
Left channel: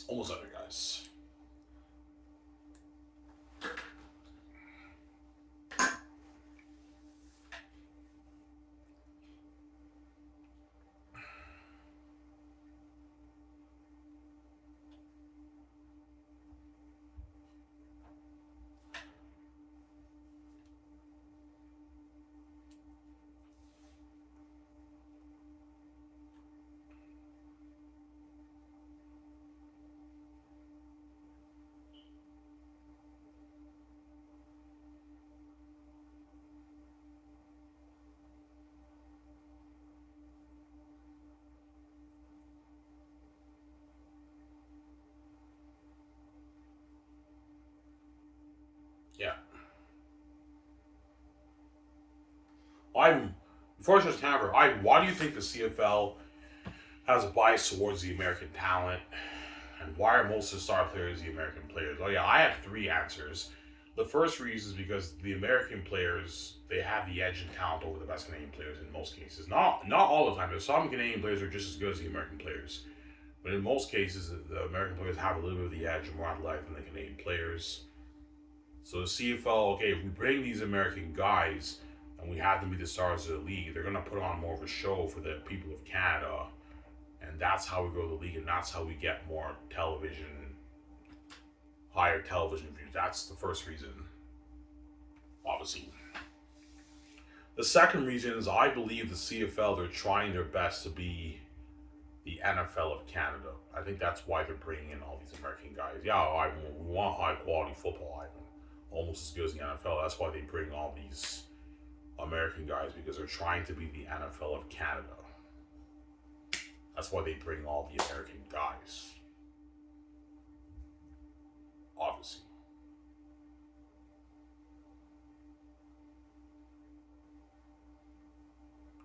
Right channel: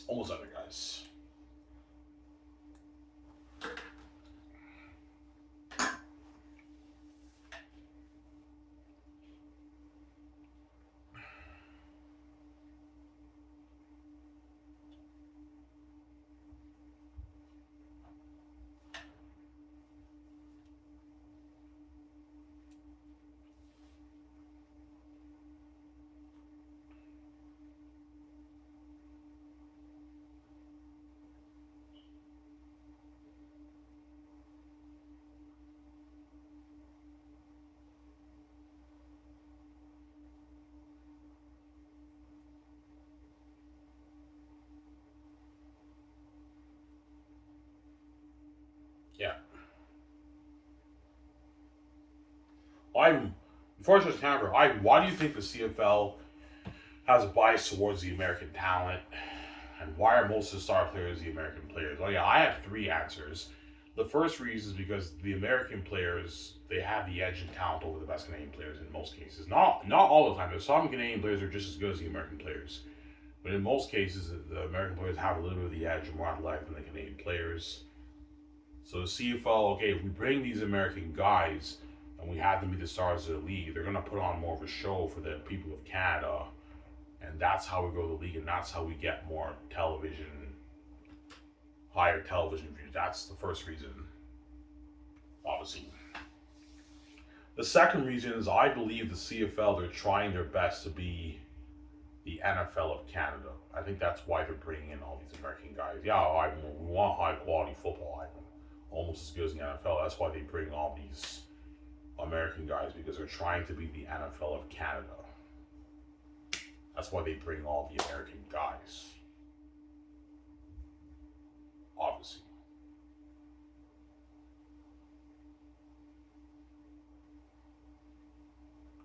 Almost under, guys. Yeah. I'm before I just Canberra, why do you think the CFL has a bias towards the American talent? And why are most of the star players the American players? Oh yeah, I have three answers. The first reason is because the American players they have the edge in talent over the best Canadian players in most cases. Not all the time. There's some Canadian players who are just as good as the American players, but in most cases, the American players have a little bit of the edge and more athletic than the Canadian players. So the CFL, okay, if we bring these American guys and we have them be the stars of the league, they're gonna put on more of a show for the people of Canada, and that's how we grow the league, and that's how we get more television, higher television views. That's the first reason, obviously. The second reason is I believe the CFL they're trying their best to be the NFL of Canada. I think that's why they're bringing in all these American guys. Yeah, we want high quality football, almost as good as the NFL. That's why they bring all these American guys because they're trying to be the NFL of Canada. That's why they bring all the American guys. Obviously.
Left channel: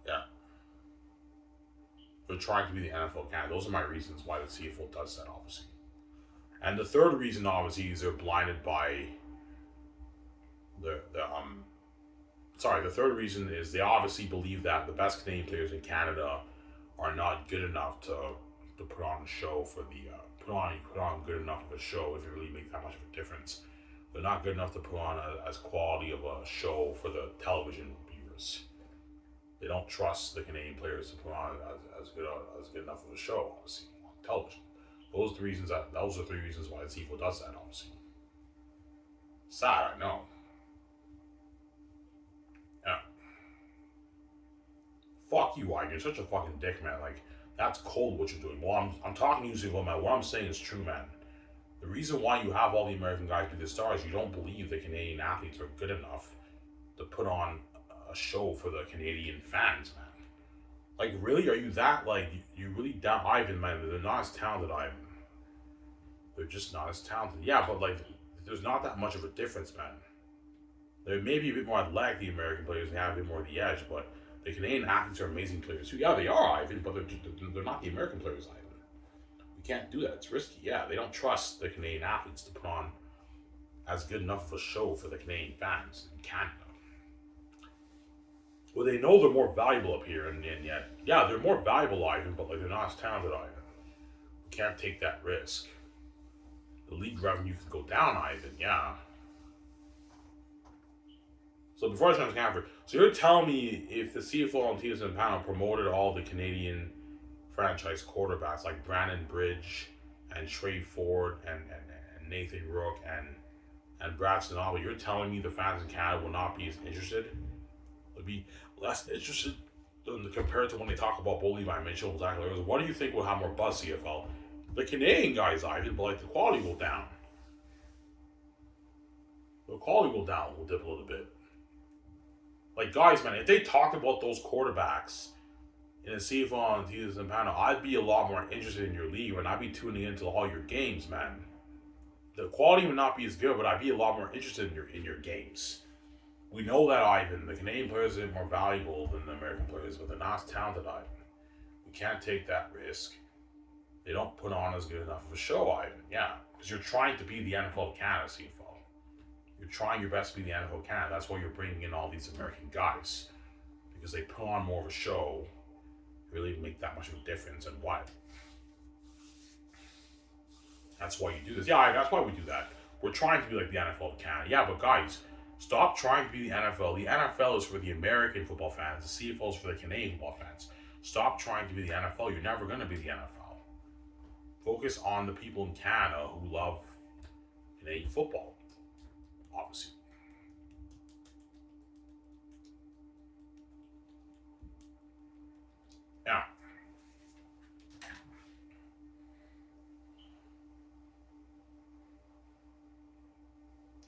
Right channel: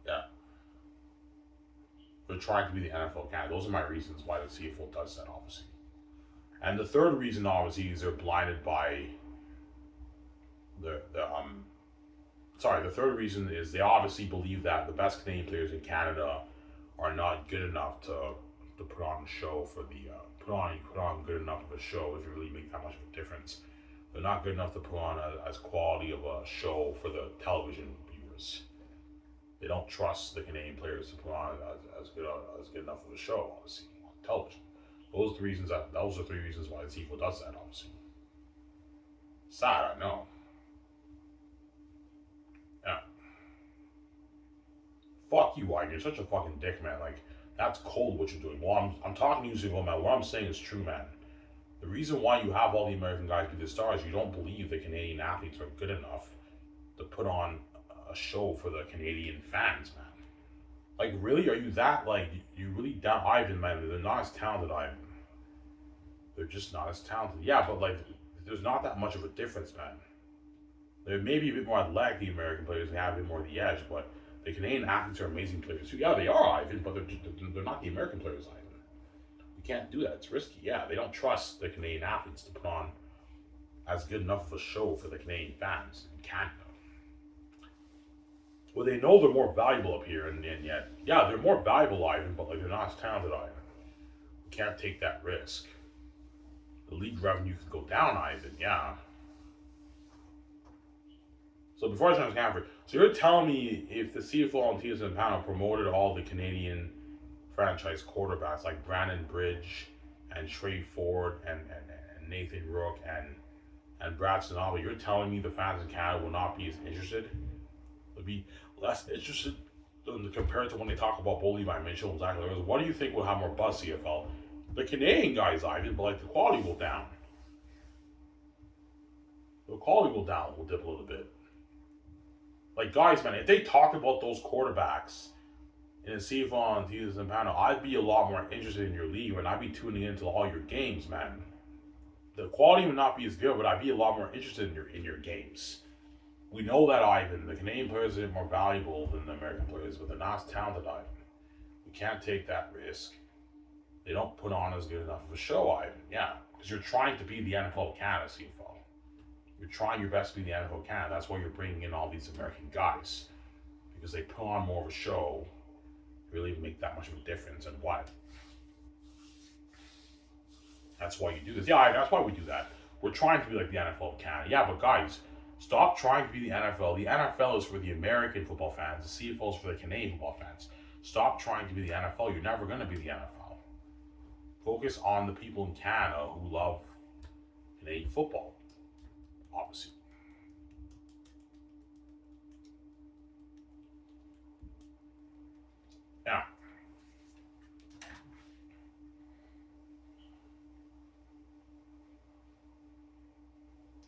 Yeah. They're trying to be the NFL Canada. Those are my reasons why the CFL does that, obviously. And the third reason, obviously, is they're blinded by the sorry, the third reason is they obviously believe that the best Canadian players in Canada are not good enough to put on a show for the put on good enough of a show if it really makes that much of a difference. They're not good enough to put on as quality of a show for the television viewers. They don't trust the Canadian players to put on as good enough of a show, obviously, on television. Those are three reasons why the CFL does that, obviously. Sad, I know. Yeah. Fuck you, Wine. You're such a fucking dick, man. Like, that's cold what you're doing. Well, I'm talking to you, CFL, man. What I'm saying is true, man. The reason why you have all the American guys be the stars, you don't believe the Canadian athletes are good enough to put on a show for the Canadian fans, man. Like, really? Are you that, like, you really doubt Ivan, man? They're not as talented, Ivan. They're just not as talented. Yeah, but, like, there's not that much of a difference, man. They're maybe a bit more athletic, the American players, and have a bit more of the edge, but the Canadian athletes are amazing players too. Yeah, they are, Ivan, but they're not the American players, Ivan. You can't do that. It's risky. Yeah, they don't trust the Canadian athletes to put on as good enough of a show for the Canadian fans in Canada. Well, they know they're more valuable up here, and yet, yeah, they're more valuable, Ivan, but like they're not as talented, Ivan. You can't take that risk. The league revenue could go down, Ivan. Yeah. So before I turn to Canford, so you're telling me if the CFL and TSN panel promoted all the Canadian franchise quarterbacks like Brandon Bridge and Trey Ford and Nathan Rook and Brad Sanaba, you're telling me the fans in Canada will not be as interested? Would be less interested compared to when they talk about Bo Levi Mitchell and Zach Larry. What do you think will have more buzz, CFL? The Canadian guys, Ivan, but like the quality will down. The quality will down, will dip a little bit. Like, guys, man, if they talk about those quarterbacks in the CFL and TSN panel, I'd be a lot more interested in your league and I'd be tuning into all your games, man. The quality would not be as good, but I'd be a lot more interested in your games. We know that, Ivan. The Canadian players are more valuable than the American players, but they're not as talented, Ivan. We can't take that risk. They don't put on as good enough of a show, Ivan. Yeah, because you're trying to be the NFL of Canada, CFL. You're trying your best to be the NFL of Canada. That's why you're bringing in all these American guys. Because they put on more of a show, really make that much of a difference, and what? That's why you do this. Yeah, that's why we do that. We're trying to be like the NFL of Canada. Yeah, but guys, stop trying to be the NFL. The NFL is for the American football fans. The CFL is for the Canadian football fans. Stop trying to be the NFL. You're never going to be the NFL. Focus on the people in Canada who love Canadian football, obviously. Yeah.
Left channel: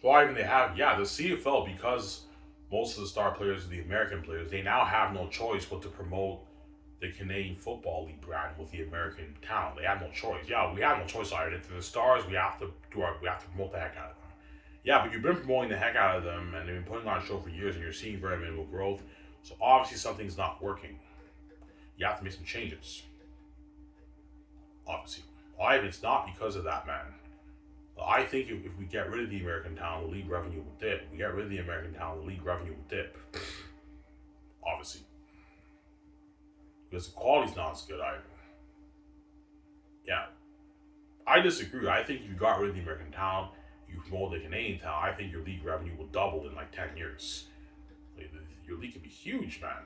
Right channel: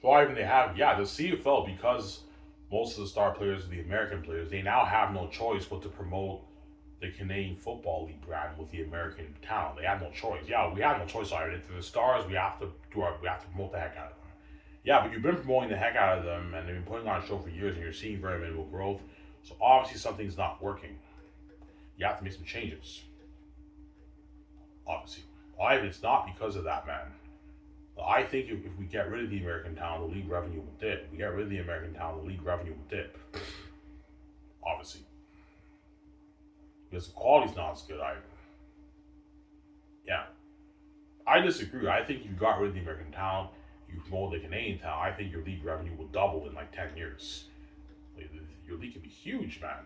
Well, even they have, yeah, the CFL, because most of the star players are the American players, they now have no choice but to promote the Canadian Football League brand with the American talent. They have no choice. Yeah, we have no choice. Either to the stars, we have to promote the heck out of them. Yeah, but you've been promoting the heck out of them, and they've been putting on a show for years, and you're seeing very minimal growth. So obviously something's not working. You have to make some changes. Obviously, it's not because of that, man. I think if we get rid of the American talent, the league revenue will dip. If we get rid of the American talent, the league revenue will dip. Obviously, because the quality's not as good either. Yeah, I disagree. I think you got rid of the American talent, you promote the Canadian talent. I think your league revenue will double in like 10 years. Like, your league could be huge, man.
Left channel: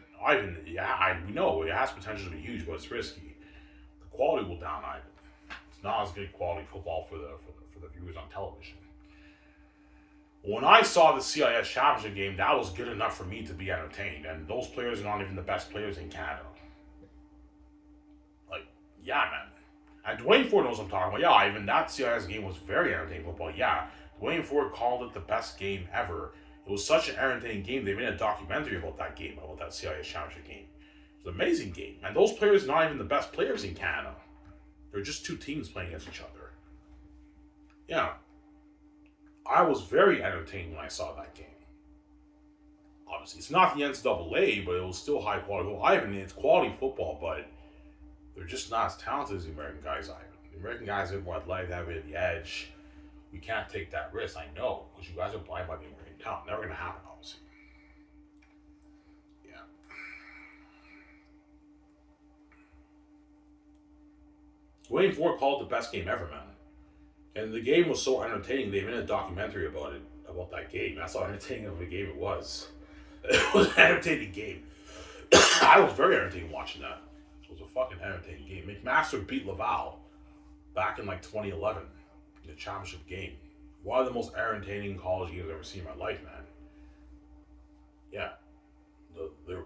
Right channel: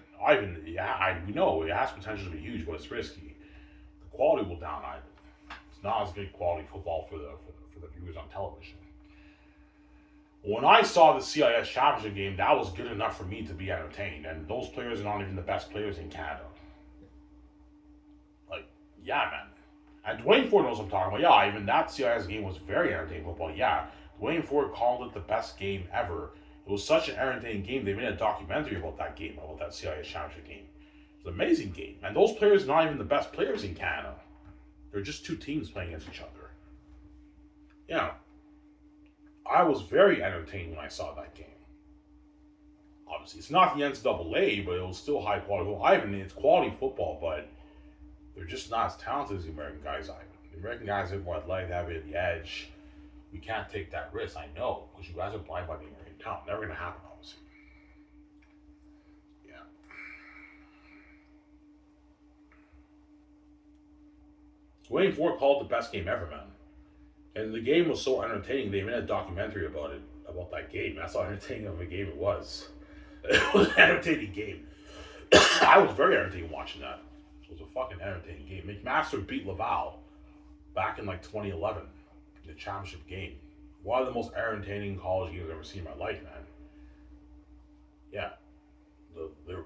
We know it has potential to be huge, but it's risky. The quality will down, Ivan. It's not as good quality football for the viewers on television. When I saw the CIS championship game, that was good enough for me to be entertained. And those players are not even the best players in Canada. Like, yeah, man. And Dwayne Ford knows what I'm talking about. Yeah, even that CIS game was very entertaining football. Yeah, Dwayne Ford called it the best game ever. It was such an entertaining game. They made a documentary about that game, about that CIS championship game. It was an amazing game. And those players are not even the best players in Canada. They're just two teams playing against each other. Yeah. I was very entertained when I saw that game. Obviously, it's not the NCAA, but it was still high quality football. It's quality football, but they're just not as talented as the American guys, Ivan. The American guys are more athletic, have it at the edge. We can't take that risk, I know, because you guys are blind by the American talent. Never going to happen, obviously. Yeah. Wayne Ford called it the best game ever, man. And the game was so entertaining, they made a documentary about it, about that game. That's how entertaining of a game it was. It was an entertaining game. I was very entertained watching that. It was a fucking entertaining game. McMaster beat Laval back in like 2011 in the championship game. One of the most entertaining college games I've ever seen in my life, man. Yeah, the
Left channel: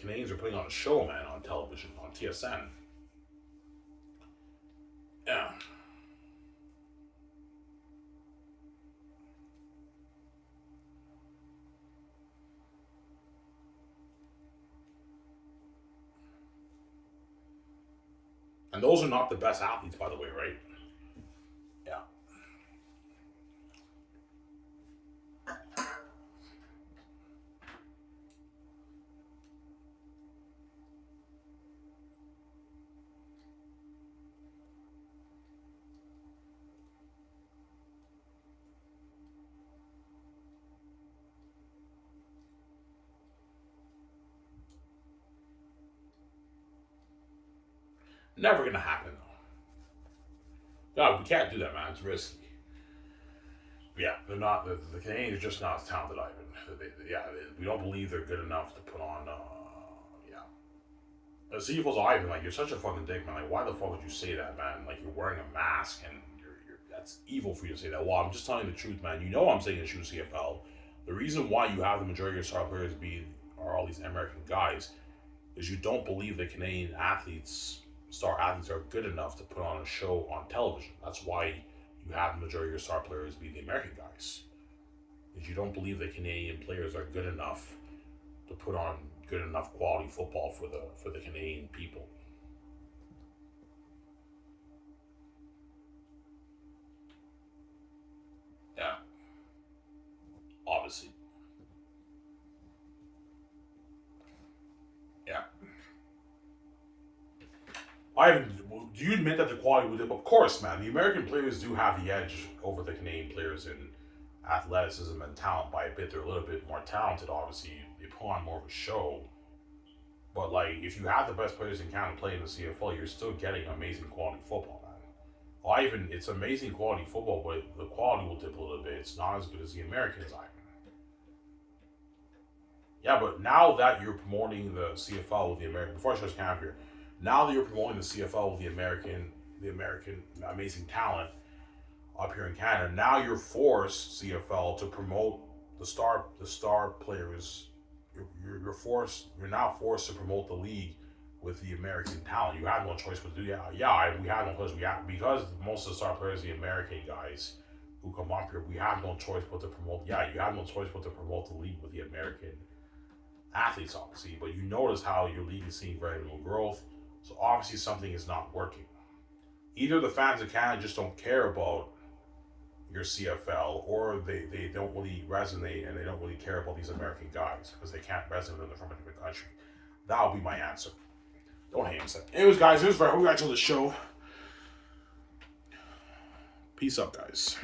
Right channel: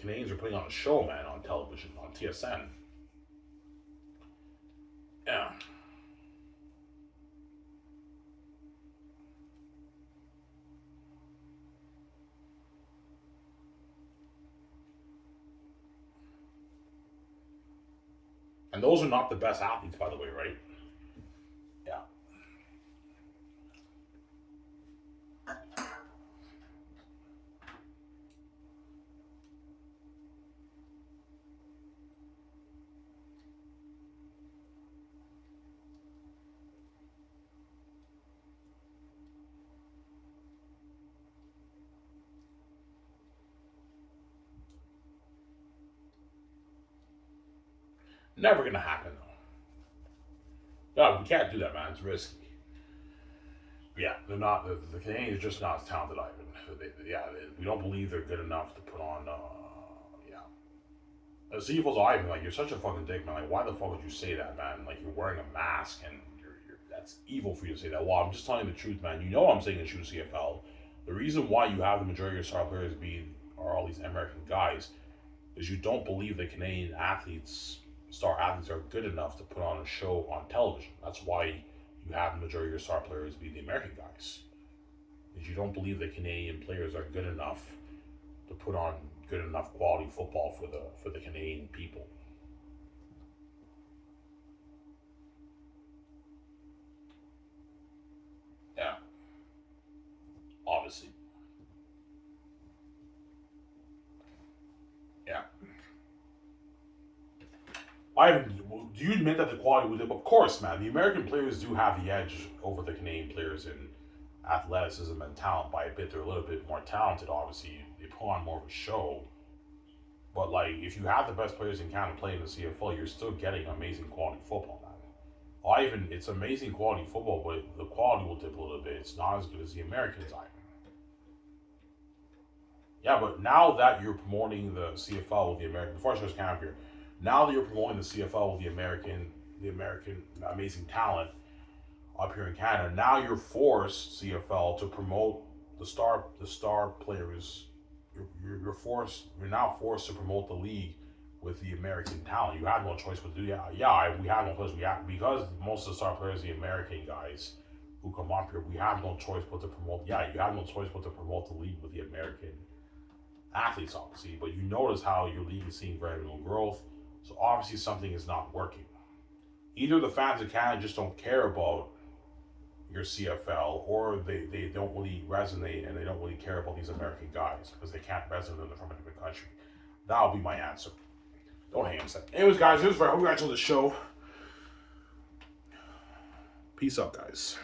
Canadians are putting on a show, man, on television, on TSN. Yeah. And those are not the best athletes, by the way, right? Yeah. Never gonna happen, though. No, we can't do that, man. It's risky. Yeah, they're not. The Canadians are just not as talented, Ivan. We don't believe they're good enough to put on. Yeah, the CFL's Ivan. Like, you're such a fucking dick, man. Like, why the fuck would you say that, man? Like, you're wearing a mask and that's evil for you to say that. Well, I'm just telling you the truth, man. You know I'm saying the truth, CFL. The reason why you have the majority of your star players are all these American guys is you don't believe that Canadian star athletes are good enough to put on a show on television. That's why you have the majority of your star players be the American guys. Is you don't believe that Canadian players are good enough to put on good enough quality football for the Canadian people. Yeah, obviously. Yeah. Do you admit that the quality would? Of course, man. The American players do have the edge over the Canadian players in athleticism and talent by a bit. They're a little bit more talented, obviously. They put on more of a show. But, like, if you have the best players in Canada playing the CFL, you're still getting amazing quality football, man. It's amazing quality football, but the quality will dip a little bit. It's not as good as the Americans, Ivan. Yeah, but now that you're promoting the CFL with the American, before I start camp here, now that you're promoting the CFL with the American amazing talent up here in Canada, now you're forced CFL to promote the star players. You're now forced to promote the league with the American talent. You have no choice but to do that. We have no choice. Because most of the star players are the American guys who come up here. We have no choice but to promote. Yeah, you have no choice but to promote the league with the American athletes, obviously. But you notice how your league is seeing very little growth. So obviously something is not working. Either the fans of Canada just don't care about your CFL, or they don't really resonate and they don't really care about these American guys because they can't resonate with them from a different country. That'll be my answer. Don't hate him. Anyways, guys, here's where we got to the show. Peace out, guys.